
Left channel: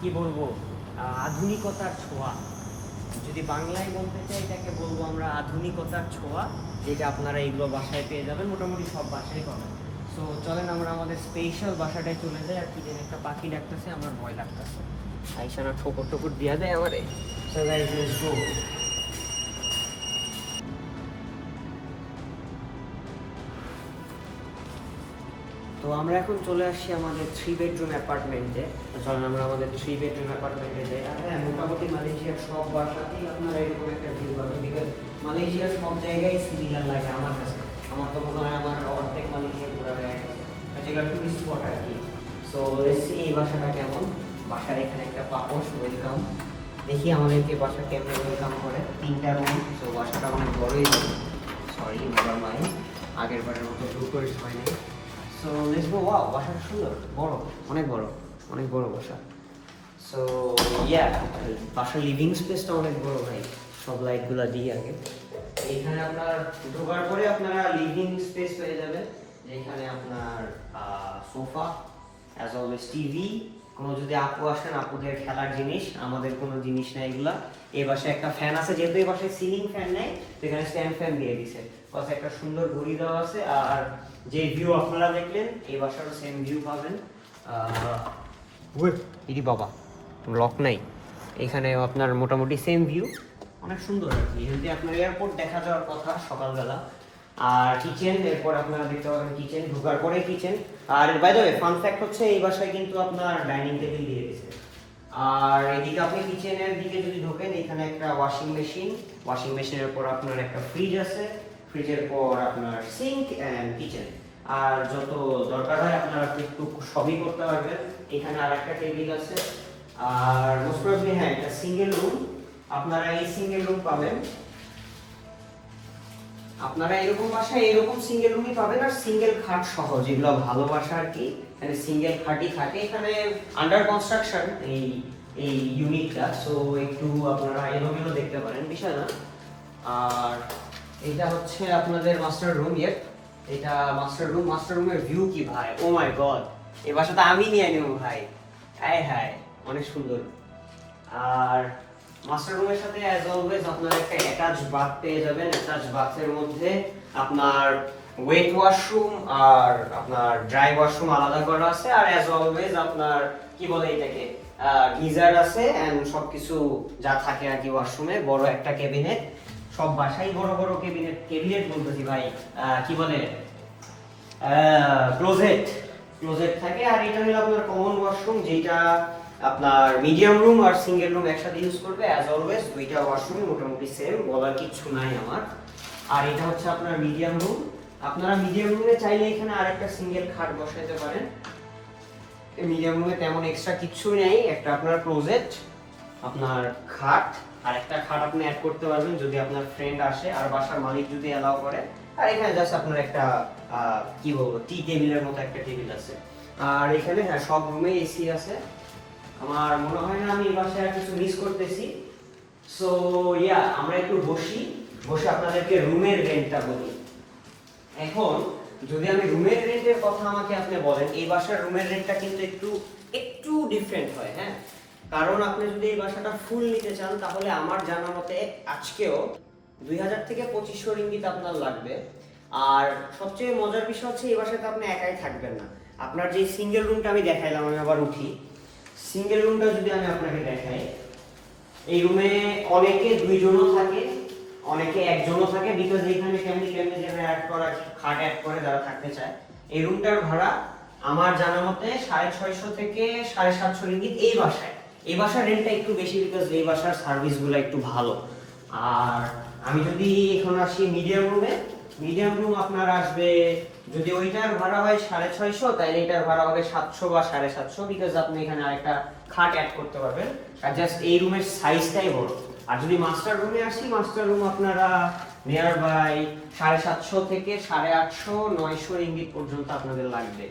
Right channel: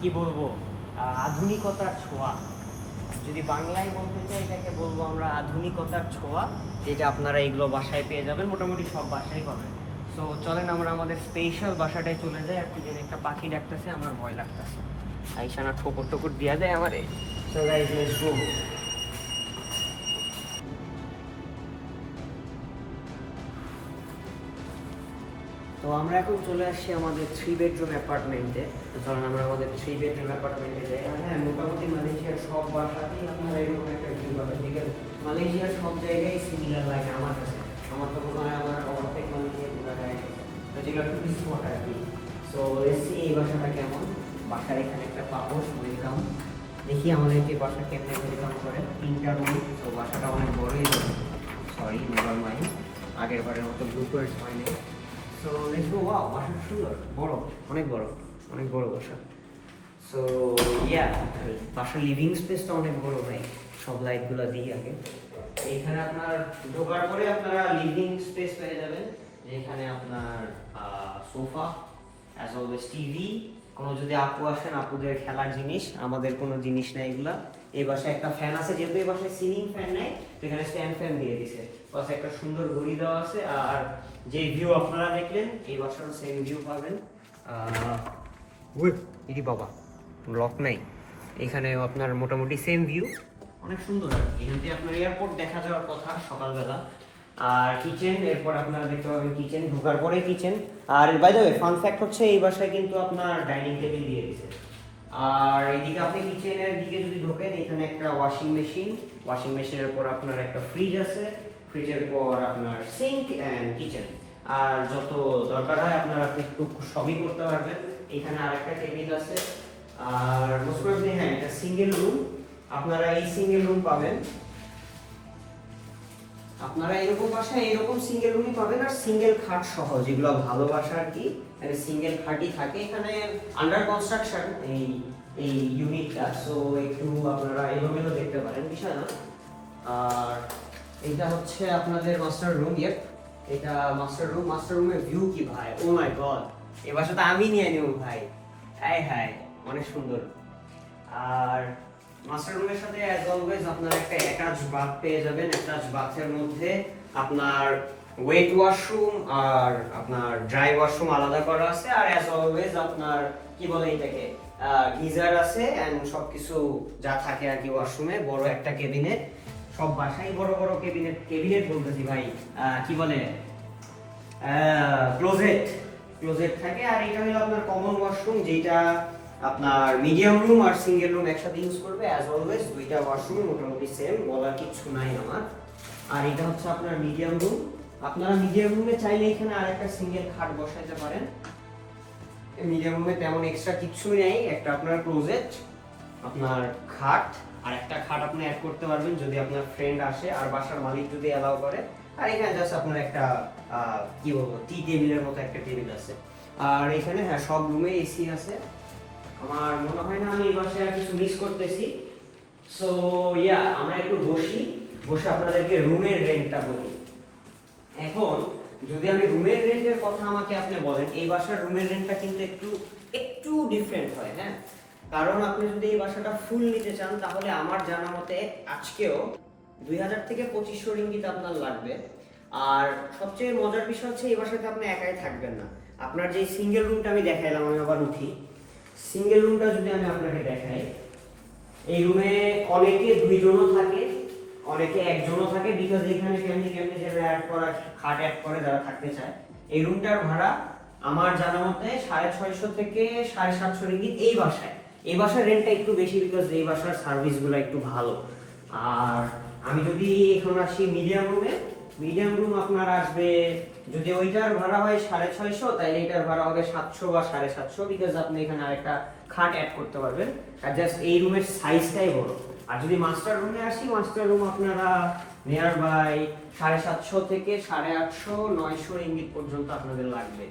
কি বলবো আধুনিকতার ছোঁয়া, যদি বাংলায় বলতে চাই এটাকে বলবো আমরা আধুনিকতার ছোঁয়া, যেটা আপনারা এগুলো বাসায় পেয়ে যাবেন, মোটামুটি সব বাসায় পাবেন। সো চলেন আমরা আমাদের স্পেশাল বাসাটায় চলে যাই। আর কি যেন একটা পাখি ডাকতেছে, আমার ভয় লাগতেছে, আইসানা ঠোকর ঠোকর দিয়া দেয় আমারে। So guys let's go. তো আমরা এখন চলে আসছি আমাদের 3 বেডরুম অ্যাপার্টমেন্টে। তো চলেন আমরা আমাদের 3 বেডরুম অ্যাপার্টমেন্টে যাই। আর হ্যাঁ, মোটামুটি মালয়েশিয়ার সব বাসাতেই আপনারা এরকম একটা ভিউ পাবেন, বিকজ মালয়েশিয়ার সব জায়গায় সিমিলার লাগে আমার কাছে। আমার তো মনে হয় আমার অর্ধেক মালয়েশিয়া ঘোরা হয়ে গেছে, যেগুলো খুবই স্পট আর কি। সো এসছি এই বাসাটা কেমন, বাসার এখানে একটা পাপোশ ওয়েলকাম, দেখি আমাদেরকে বাসা কেমন ওয়েলকাম করে। 3টা রুম, সো বাসাটা অনেক বড়ই যাবে, সরি নেভার মাইন্ড, আগের বারের মতো গ্রুপের হয়নি। So let's go. ওয়াও, বাসাটা সুন্দর, বড়, অনেক বড় বাসা। সো ইয়া, বাসার লিভিং স্পেসটা অনেক বড় ভাই, সব লাইটগুলো দিয়ে আগে। এখানে আপনার ঢোকার পরে আপনারা লিভিং স্পেস পেয়ে যাবেন, যেখানে আপনার সোফা, অ্যাজ অলওয়েজ টিভি, কোনো যদি আপু আসেন আপুদের খেলার জিনিস, আমাদের কোনো জিনিস নাই এগুলা। এই বাসায় একটা ফ্যান আছে, যেহেতু এই বাসায় সিলিং ফ্যান নেই, তো এখানে স্ট্যান্ড ফ্যান দিয়ে দিছে, প্লাস একটা সুন্দর ঘড়ি দেওয়া আছে। আর যে ভিউ আপনারা দেখলেন, এই বাসারও সেম ভিউ পাবেন। ইদি বাবা, লক নাই, এখানে আপনার মোটামুটি সেম ভিউ, অনেক সুন্দর আর কি। এখান থেকে আপনার এয়ারপোর্ট দেখা যাওয়ার কথা সকালবেলা। আর কিচেন, এরপর আপনারা দেখতে পাবেন কিচেন, ঢোকার পরে কিচেন। আর by the way fun fact হচ্ছে এই বাসায় কিন্তু আপনার ডাইনিং টেবিল দিয়ে দিয়েছে। আর এদিকে আপনি কিচেনের দিকে যদি ঢোকেন, এখানে একটা ওয়াশিং মেশিনের পর আপনার একটা ফ্রিজ আছে, ফ্রিজের পর আপনার সিঙ্ক অ্যান্ড কিচেন। আর যত দরকার হয় আপনারা একটু সবই করতে পারবেন। এখানে আরেকটা টেবিল আছে। আর মোস্ট প্রবাবলি হ্যাঁ, এটা সিঙ্গেল রুম, আপনারা এই সিঙ্গেল রুম পাবেন। আপনারা এরকম বাসায় এরকম সিঙ্গেল রুমই পাবেন, আর সিঙ্গেল খাট সহ, যেগুলো ভালো বাসা আর কি, এখানে সিঙ্গেল খাটই থাকে। এখানে আন্ডার কনস্ট্রাকশন এই ইউনিটটা, সো একটু আপনারা এলোমেলো দেখতে পারেন, বিষয় না। আর এইটা হচ্ছে আপনাদের মাস্টার রুম। এটা মাস্টার রুমের ভিউ কি ভাই, ও মাই গড, এই বাসাটা আমি নিয়ে নিব ভাই, হায় হায় অনেক সুন্দর। আর মাস্টার রুমের সাথে অ্যাজ অলওয়েজ আপনার একটা অ্যাটাচ বাথ পেয়ে যাবেন। অ্যাটাচ বাথের মধ্যে আপনার ওয়েট ওয়াশরুম আর আপনার ড্রাই ওয়াশরুম আলাদা করা আছে, আর অ্যাজ অলওয়েজ আপনার কি বলে এটাকে গিজার আছে এন্ড সবকিছু যা থাকে আর কি ওয়াশরুমে। বড় একটা ক্যাবিনেট, সব বাসায় বড় বড় ক্যাবিনেট বলতেছি ভাই, কি বলে ক্লোজেট থাকে। আর এটা হলো আপনার কমন ওয়াশরুম, যেটা আপনার মিডিয়াম রুম আর সিঙ্গেল রুম একসাথে ইউজ করবে। অ্যাজ অলওয়েজ দুইটা ওয়াশরুম মোটামুটি সেম, বলার কিছু নাই আমার। আর এটা হচ্ছে আপনার মিডিয়াম রুম। আপনারা মিডিয়াম রুমে চাইলে এখানে আরেকটা সিঙ্গেল খাট বসাইতে পারেন। মিডিয়াম রুমে তেমন এক্সট্রা কিছু নেই, একটা আপনার ক্লোজেট, আপনার খাট, আর একটা খাট আপনি অ্যাড করতে পারবেন যদি আপনার ফ্রেন্ড আসে আর বাসার মালিক যদি অ্যালাউ করে। আর এখানে জাস্ট আপনার একটা কি বলবো টি টেবিলের মতো একটা টেবিল আছে। আর এখানে হ্যাঁ সব রুমে এসি আছে। আমার মনে হয় না আমি এই বাসায় আর কিছু মিস করতেছি। সো ইয়া, আমরা একটু বসে আপনাদেরকে রুমের রেন্টটা বলি। এখন যদি আমি রুমের রেন্টের কথা আমাকে আপনি বলেন, এই বাসার রুমের রেন্টটা কিন্তু একটু ডিফারেন্ট হয়, হ্যাঁ। কারণ আপনি যদি এই বাসাটা ফুল নিতে চান তাহলে আমার জানা মতে আজকেও 2000 থেকে 2500 রিঙ্গিত আপনার লাগবে। আর সবচেয়ে মজার বিষয় হচ্ছে এই বাসাতে আপনি একাই থাকবেন না। আপনার যে সিঙ্গেল রুমটা আমি দেখাইলাম, আমি আবার উঠি, সিঙ্গেল রুমটা যদি আমি আপনাকে দেখাই, এই রুমে অনেকে দুইজনও থাকে, অনেকে একজনও থাকে, বিকজ এইখানে ফ্যামিলি যারা অ্যাড করা খাট অ্যাড করে যারা থাকতে চায়। এই রুমটার ভাড়া আমার জানা মতে 650 থেকে 750 রিঙ্গিত এই বাসার রেন্টটা একটু বেশি, বিকজ এই বাসার সার্ভিসগুলো একটু ভালো। আর আমি যদি এখন আসি মিডিয়াম রুম আপনার আসবে, যদি ওইটার ভাড়া হয় 650, তাহলে এটার ভাড়া হবে 700 বা 750, বিকজ আপনি এখানে আরেকটা খাট অ্যাড করতে পারবেন। আর জাস্ট এই রুমের সাইজটাই বড়। আর যদি মাস্টার রুমে আসি, মাস্টার রুম আপনারা নিয়ার বাই 750 থেকে 850 900 রিঙ্গিত পর্যন্ত আপনাদের লাগবে।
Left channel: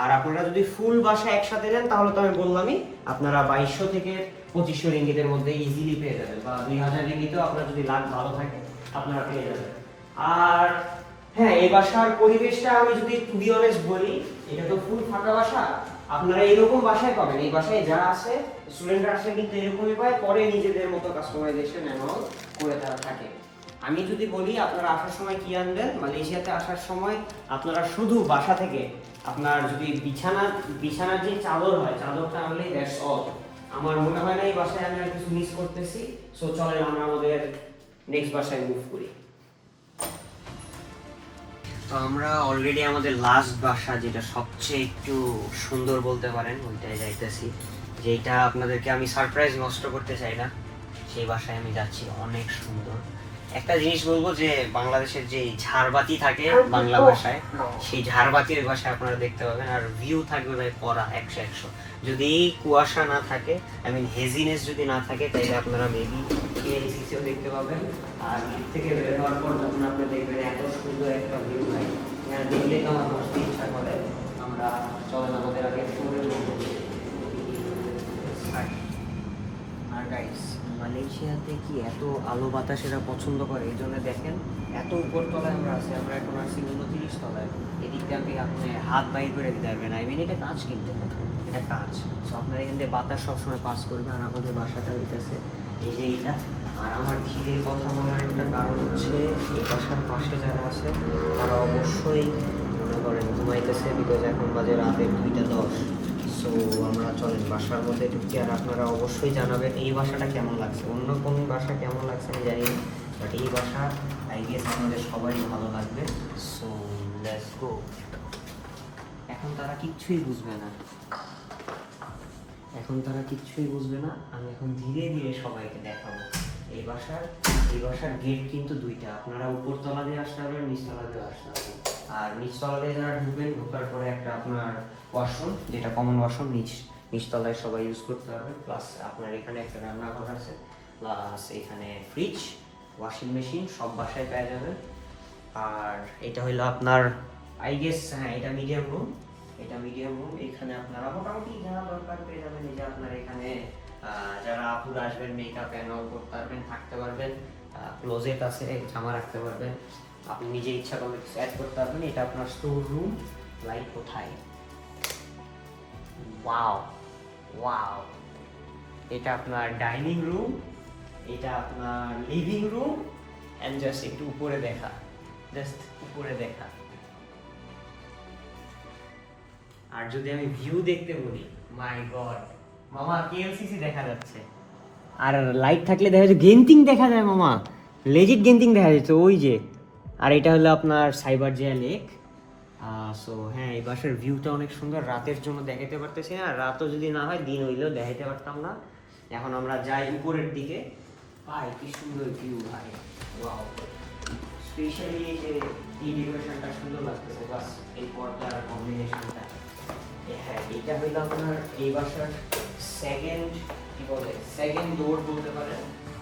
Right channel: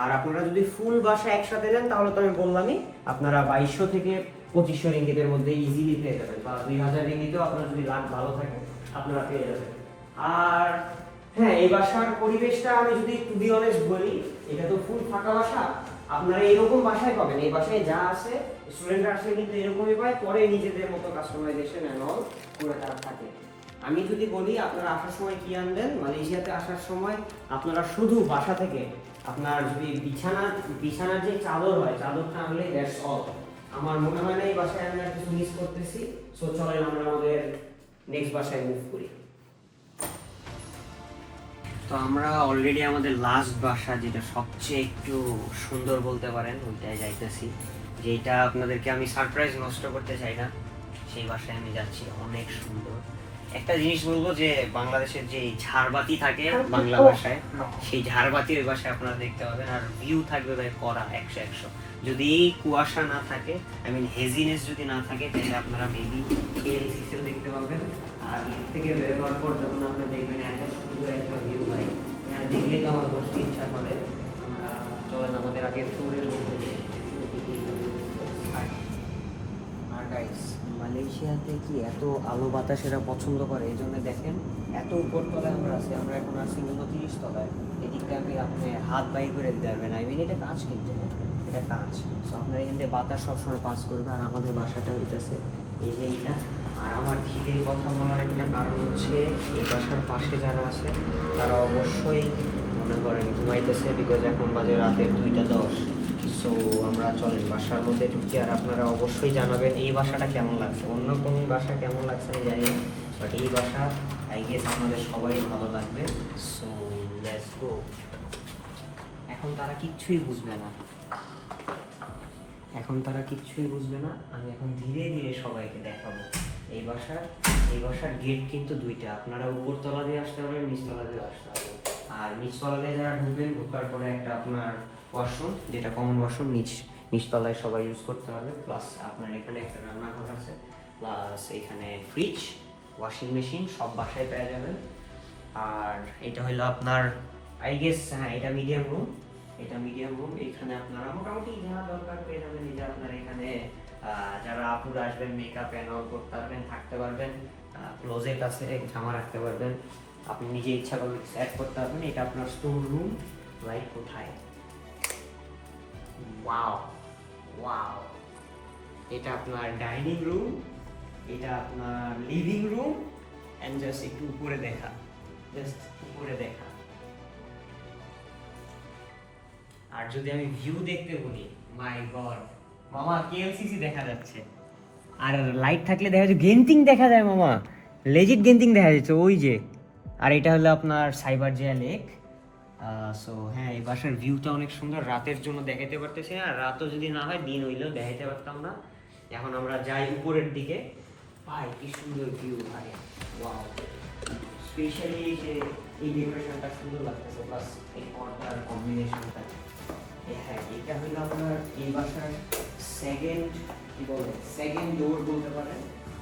আর আপনারা যদি ফুল বাসা একসাথে নেন তাহলে তো আমি বললামই, আপনারা 2200 থেকে 2500 রিঙ্গিতের মধ্যে ইজিলি পেয়ে যাবেন, বা 2000 রিঙ্গিতেও আপনার যদি লাখ ভালো থাকে আপনারা পেয়ে যাবেন। আর হ্যাঁ, এই বাসার পরিবেশটা আমি যদি টু বি অনেস্ট বলি, এটা তো ফুল ফাঁকা বাসা, আপনারা এরকম বাসায় পাবেন। এই বাসায় যা আছে স্টুডেন্টরা আসলে কিন্তু এরকমই পায়, পরে নিজেদের মতো কাস্টমাইজেশন এন্ড অল করে তারা থাকে। আমি যদি বলি আপনারা আসার সময় কি আনবেন, মালয়েশিয়াতে আসার সময় আপনারা শুধু বাসা থেকে আপনার যদি বিছানার যে চাদর হয়, চাদরটা আনলে দ্যাটস অল। আমার মনে হয় না এই বাসায় আমি আর কিছু মিস করতেছি। সো চলেন আমরা আমাদের নেক্সট বাসায় মুভ করি। তো আমরা অলরেডি আমাদের লাস্ট বাসা, যেটা সবচেয়ে একটু সুন্দর বলতে পারেন, ওইটায় যাইতেছি। যেটা আপনাদেরকে আমি সারপ্রাইজ নষ্ট করতে চাই না, সেই বাসায় আমি যাচ্ছি। অনেক সুন্দর একটা জিনিস বলবো, যে বাংলাদেশের যে ঝাড়বাতি থাকে বাংলা ভাষায়, সেই ঝাড়বাতি ওই বাসায় আপনারা দেখতে পাবেন। আর ভিউ থাকবে ভাই কড়া 100। যদি কুয়াশা না থাকে, আই মিন হেজিনেস যদি না থাকে, তাহলে আপনারা মেবি কেএলসিসিও দেখতে পাবেন। আর দিক থেকে বের হওয়ার পর যখন আপনি দেখবেন এত সুন্দর একটা ভিউ ভাই, দেখলে তো আমার বসতে ইচ্ছা করে। আমরা চলেন আমাদের আগে ফ্লোরে উঠবো। আর গাইস, মালয়েশিয়াতে কি এত আলো বাতাস এরা পছন্দ করে, এই জন্য দেখেন এত উপরতলায় আমরা আছি। আমরা এখন আছি 29 তলায়। এদিকে আপনি হাত বাইর করে দিতে পারবেন, আই মিন এটা কাজ, কিন্তু এটা কাজ। সো আপনার এখান থেকে বাতাস সবসময় পাস করবে। আর আমাদের বাসাটা হইতেছে এই যে এইটা। আর আমার ধীরে কথা বলার একটা কারণ হচ্ছে, এই বাসার পাশে যারা আছে তারা অবশ্যই মনে করেন ঘুমাইতেছে, বিকজ এখন বাজে রাতের 2:10। সো আমরা চলেন বাসার মধ্যে ঢুকি। আর আপনারা অবশ্যই জানাবেন এই বাসাটা কেমন লাগছে। অন্য কোন বাসা কেমন লাগছে আমি জানি না, বাট এই বাসা আই গেস আপনাদের সবাই ভালো লাগবে। So let's go. এখন তারা কিচ্ছুই বুঝবে না, আমি এখন ধীরে ধীরে সবাইকে দেখাবো। এই বাসার গেট কিন্তু দুইটা, আপনারা উপরতলা দিয়ে আসতে পারবেন, নিচতলা দিয়ে আসতে পারবেন। আর নিচতলা দিয়ে যারা ঢুকবেন, ঢোকার পরে একটা আপনার ওয়াশরুম, যেটা কমন ওয়াশরুম, নিচতলায় সবাই ইউজ করতে পারবে। প্লাস আপনার এখানে একটা রান্নাঘর আছে, প্লাস এখানে ফ্রিজ, ওয়াশিং মেশিন সব বাসায় পেয়ে যাবেন। আর এটা হলো আপনার আই গেস, হ্যাঁ এটা মিডিয়াম রুম। এখানে আপনারা মোটামুটি যা দরকার পেয়ে যাবেন। এই যে আপনার এখানে যারা আপুরা আসবেন মেকআপ এন্ড অল করতে পারবেন, থাকতে পারবেন। ক্লোজেট আছে, জামা রাখতে পারবেন। আপনি নিজে ইচ্ছা করলে সেট করতে পারবেন। এটা আপনার স্টোর রুম, লাইট কোথায়, ওয়াও ওয়াও। এটা আপনার ডাইনিং রুম, এটা আপনার লিভিং রুম, এন্ড জাস্ট একটু উপরে দেখা, জাস্ট উপরে দেখা। আর যদি আমি ভিউ দেখতে বলি, মাই গড মামা, কেএলসিসি দেখা যাচ্ছে। আর লাইট থাকলে দেখা যাচ্ছে গেন্টিং দেখা যায় মামা, লেজিট গেন্টিং দেখা যাচ্ছে ওই যে। আর এটা হলো আপনার সাইবার জিয়া লেক। সো হ্যাঁ, এই বাসার ভিউটা অনেক সুন্দর, রাতের জন্য দেখাতে পারতেছে। আর রাতও যদি না হয়, দিন হইলেও দেখাতে পারতাম না। এখন আমরা যাই উপরের দিকে, ভাই কি সুন্দর ভিউ ভাই, ওয়াও। স্পেশালি যে এই ডেকোরেশনটা সুন্দর লাগতেছে, প্লাস এই পর্দার কম্বিনেশনটা। হ্যাঁ, এটা হইলো আপনার এই বাসার সেকেন্ড, কি বলে, সেকেন্ড ডোর বলতে পারেন।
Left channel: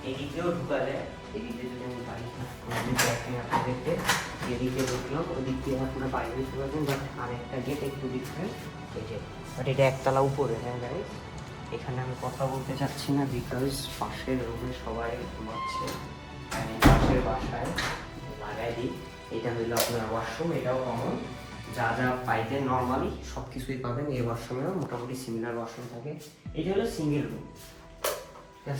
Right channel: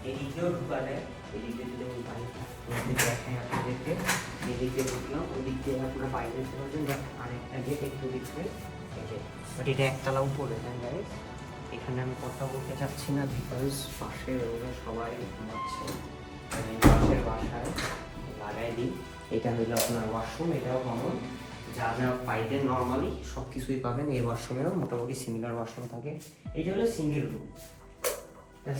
এদিক দিয়েও ঢুকা যায়, এদিক দিয়ে যদি আমি বাইরে আপনি দেখতে, এদিকে ঢুকলাম, ওদিক দিয়ে আপনারা বাইরে যেতে পারবেন। বাট আরেকটা গেট একটু ডিফারেন্ট, এই যে, বাট এটা একতলা উপরে। হ্যাঁ গাইস, এখানে আমি কথা বলতে চাচ্ছি না, বিকজ পাশে রুমে সবাই ঘুমাচ্ছে। পাশের বাসায় লাগাই দিই। এটা হইলো আপনার ওয়াশরুম, এটাও কমন। যা যা পাইতেন নর্মালি সব কিছুই পাবেন এই ওয়াশরুমেও, মোটামুটি সিমিলার ওয়াশরুম থাকে। এটা হলো সিঙ্গেল রুম।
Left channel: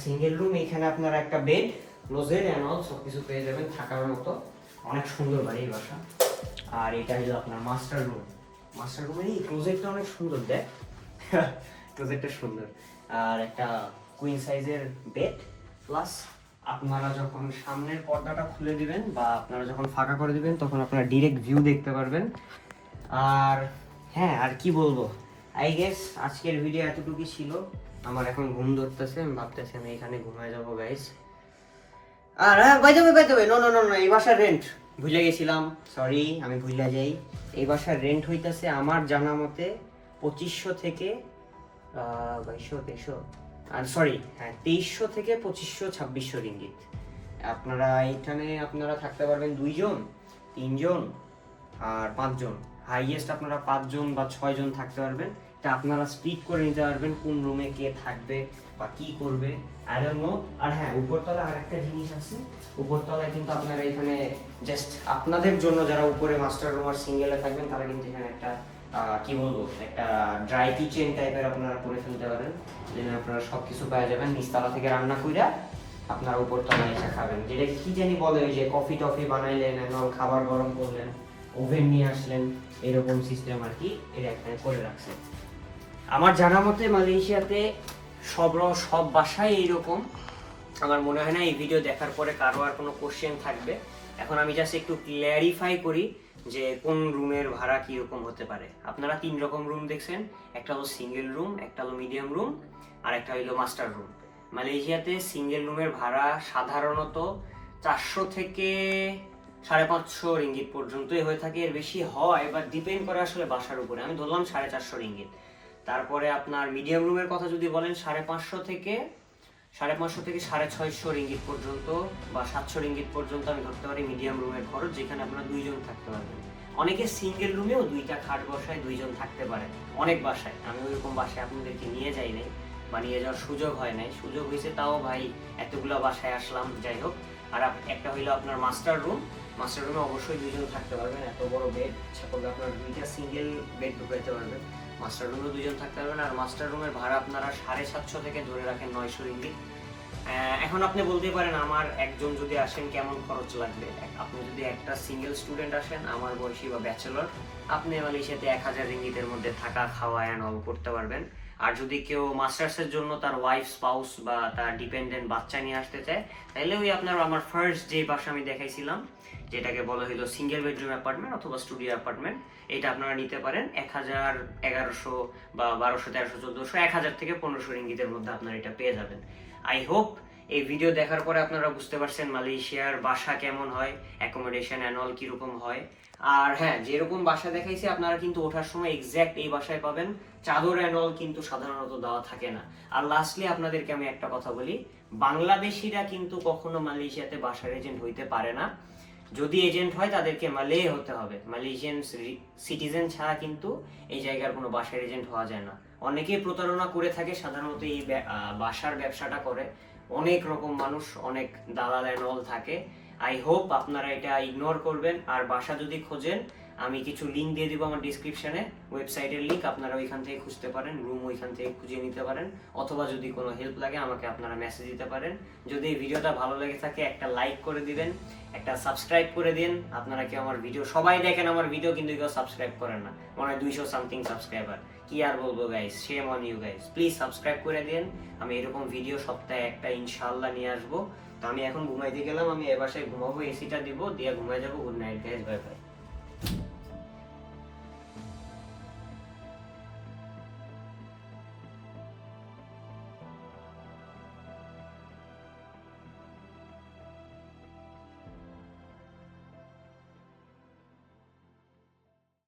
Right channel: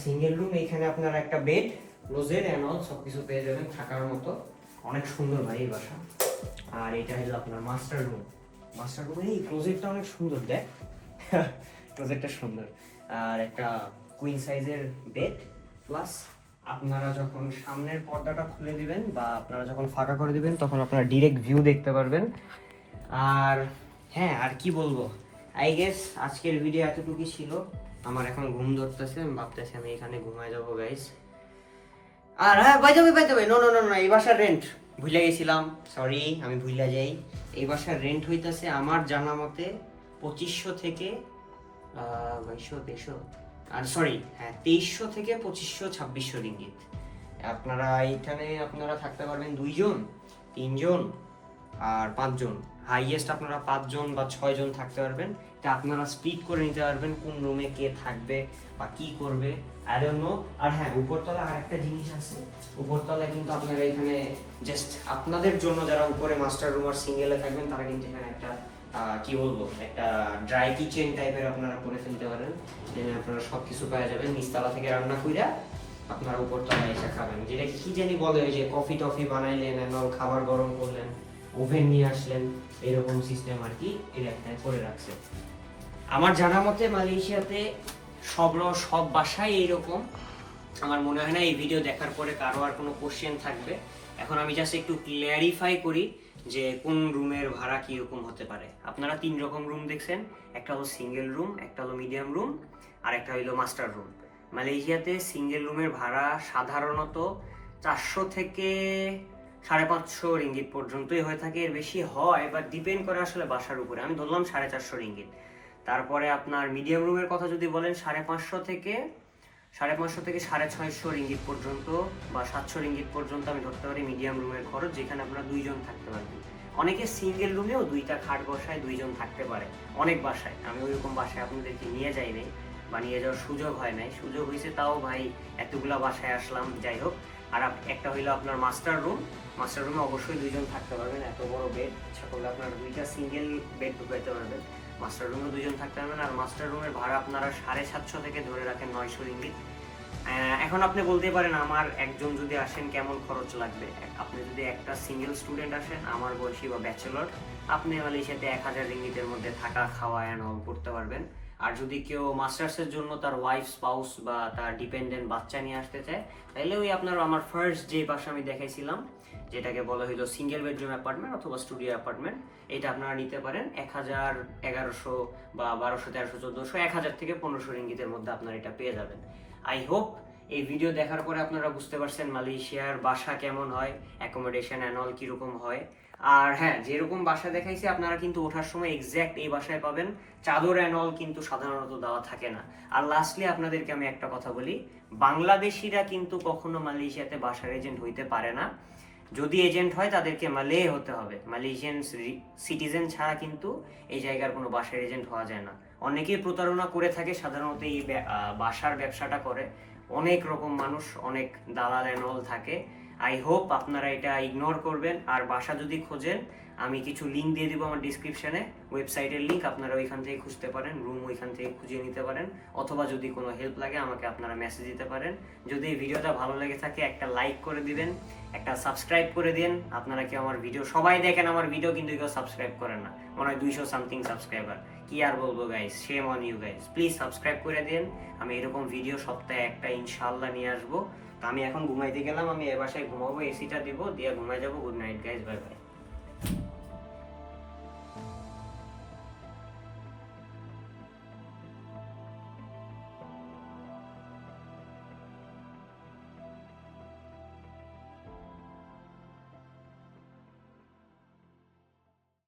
সিঙ্গেল রুম, এখানে আপনারা একটা বেড, ক্লোজেট অ্যান্ড অল সব কিছু পেয়ে যাবেন থাকার মতো। অনেক সুন্দর ভাই এই বাসা। আর এটা হলো আপনার মাস্টার রুম। মাস্টার রুমের এই ক্লোজেটটা অনেক সুন্দর, দেখ ক্লোজেটটা সুন্দর। আর একটা কুইন সাইজের বেড, প্লাস আপনারা যখন সামনের পর্দাটা খুলে দিবেন বা আপনারা যখন ফাঁকা করে দিবেন, তখন আপনারা ডিরেক্ট ভিউ দেখতে পারবেন। আর হ্যাঁ, আর কি বলবো, আই গেস আজকের ভিডিও এতটুকুই ছিল। আমার এখন ঘুম ধরতেছে, আমি ভাবতেছি আমি এখানে ঘুমায় যাবো গাইস। আর হ্যাঁ, বাই দ্য ওয়ে, নো, এই বাসার রেন্ট ভুলে গেছিলাম, সরি, আমি ভুলে যাই। এই বাসার রেন্ট হইতাছে আমার জানা মতে 2500 থেকে 2200, আর সরি, হ্যাঁ 2300 থেকে 2500-2600 রিঙ্গিত। আপনারা এইখানে আপনারা থাকতে পারবেন 2 জন, 3 জন আর 5 জন। হাইয়েস্ট আপনারা 5 জন বা 6 জন থাকতে পারবেন। এটা আপনারা স্প্লিট করে নিতে পারবেন, কোন রুমে কে থাকবে বা কি করবে, আই ডোন্ট নো। আর হ্যাঁ, উপরতলা আরেকটা জিনিস আছে, উপরতলায় কিন্তু আপনারা এখানে জাস্ট আপনাদের জন্য, যারা উপরে মাস্টার রুম আর সিঙ্গেলে থাকবেন, তারা কিন্তু এখানে একটা কি বলবো, একটা ড্রাই কিচেন টাইপের আপনারা করে ফেলতে পারেন, যেখানে আপনারা সব কিছু পাওয়া যাবেন। নিচতলা থেকে রান্না করে আপনারা উপরতলায় এসে খাবেন, যেটা কি জানি বলে, ওই যে কফি টফি বানাইলেন, খাবার গরম করলেন, ওভেন নিয়ে আসলেন, এরকম সিস্টেম আর কি এর একটা করে রাখছে। আমার জানা মতে মালয়েশিয়াতে সব বাসায় এইরকম। আমার মনে হয় না এই ভিডিও দেখার পরে কারো আর কোনো কোশ্চেন থাকবে। এখন আমি জাস্ট একটু ক্ল্যারিফাই করি যে কোন রুমের ভাড়া কীরকম হতে পারে। আপনারা 3 রকম রুম দেখছেন, একটা হলো সিঙ্গেল রুম, একটা হলো মিডিয়াম রুম, আর একটা হলো মাস্টার রুম। মালয়েশিয়াতে সিঙ্গেল রুমের ভাড়া সাধারণত 400 থেকে 550 রিঙ্গিত পর্যন্তই হয়ে থাকে। এর বেশি হয়, বাট ডিপেন্ড করে আসলে বাসার উপরে। আমি ধরলাম 450 রিঙ্গিত। তারপরে আপনার মিডিয়াম রুমের কথা যদি বলেন, 550 থেকে 650 রিঙ্গিত পর্যন্ত বা 700 রিঙ্গিত পর্যন্ত আমি ধরতে পারি মিডিয়াম রুমের খরচ, যেখানে আপনারা 2 জন থাকতে পারবেন। অনেকে সিঙ্গেল রুমেও 2টা খাট বসায় 2 জন থাকতে পারে, অনেক বাসায়। আমি ওইরকম বাসায় আপনাদেরকে নিয়ে যাই নাই বা নিয়ে যাওয়ার সুযোগ হয় নাই, সুযোগ হয়েছে তাও ভাই এতগুলা বাসায় আসলাম, যাই হোক। আর একটা হইলো আপনার মাস্টার রুম। মাস্টার রুমে অবশ্যই 2 জন থাকতে পারবেন, এত বড় বেড, ইচ্ছা করলে আপনার 2টা সিঙ্গেল বেড ঢুকাইতে পারবেন। মাস্টার রুমে 2 জন থাকতে পারবেন। আর মাস্টার রুমের ভাড়া আপনারা 750 থেকে ধরে রাখেন 900 রিঙ্গিত। এখন আপনি বলতে পারেন আমার একজন যদি আসেন কেমন খরচ লাগবে। আপনি যদি একটা সিঙ্গেল স্টুডেন্ট আসেন, আমার বয়সী বা ব্যাচেলর, আপনি মালয়েশিয়াতে 1000 রিঙ্গিতের মধ্যে থাকা খাওয়া অ্যান্ড অল করতে পারবেন। আর যদি কেউ মাস্টার্সের জন্য তার ওয়াইফ, স্পাউস বা তার ডিপেন্ডেন্ট বাচ্চা নিয়ে আসতে চায়, তাহলে ওই আপনার আমার ফার্স্ট যে বাসা আমি দেখাইছিলাম, যেটাকে বলা হলো সিঙ্গেল বেডরুম অ্যাপার্টমেন্ট অথবা স্টুডিও অ্যাপার্টমেন্ট, এটা আপনারা নিতে পারেন 1000, 1100 বা 1200, 1300, 1400, 1000 থেকে 1500 রিঙ্গিতের মধ্যে আপনারা এটা পেয়ে যাবেন। আই হোপ এই ভিডিও দেখার পরে আপনারা বুঝতে পারছেন মালয়েশিয়ার বাসা কেমন হয়, অ্যাকোমোডেশন অ্যান্ড অল কীরকম হয়। আর হ্যাঁ, যেরকম বাসা দেখাইছে আপনারা কিন্তু ওঠার সময় এক্স্যাক্ট এই বাসায় পাবেন, চাদর অ্যান্ড অল কিন্তু সাধারণত দেওয়া থাকে না। আর লাস্টলি আপনাদেরকে আমি একটা কথা বলি, বাংলাদেশিরা কিন্তু কখনো মালয়েশিয়াতে বাসার এজেন্ট হইতে পারে না। যদি এজেন্ট হয় তাদেরকে মালয়ে হতে হবে, মালয়েশিয়ান সিটিজেন ছাড়া কিন্তু এই জায়গার কোনো বাসার এজেন্ট হওয়া যায় না। অনেকেই প্রতারণা করে থাকে, সাধারণত এই বাসার ব্যবসাটা করে অনেক রকম মানুষ, অনেক দালাল অ্যান্ড অল থাকে। আই হোপ আপনারা এটা ইগনোর করবেন। আর বাসা যদি খোঁজেন, আমি কিছু লিঙ্ক দিয়ে দিব আমার ডিসক্রিপশনে, ওয়েবসাইটের লিঙ্ক, আপনারা ওইখান থেকে খুঁজতে পারেন, রুম ওইখান থেকে খুঁজে নিতে পারেন। অথবা যদি কোনো হেল্প লাগে আমাকে আপনারা মেসেজ দিতে পারেন। যদি এই ভিডিওটা ভালো লেগে থাকে একটা লাইক করে দিবেন, একটা সাবস্ক্রাইব করে দিন। আপনারা কি আমার ভিডিও সবাই দেখেন আমার ভিডিও, কিন্তু কেউ সাবস্ক্রাইব করেন না, মনে হয় 200 সামথিং সাবস্ক্রাইবার। কি আর বলবো guys, shame on you guys, please subscribe করে দিন। আমি এরকম ভিডিও সপ্তাহে একটা ইনশাআল্লাহ নিয়ে আসবো। তো আমি এখন ঘুমাইতে গেলাম, আমি এ বাসায় ঘুমাবো, এসিটা দিব, দিয়ে ঘুমাই যাবো। Good night guys, bye bye.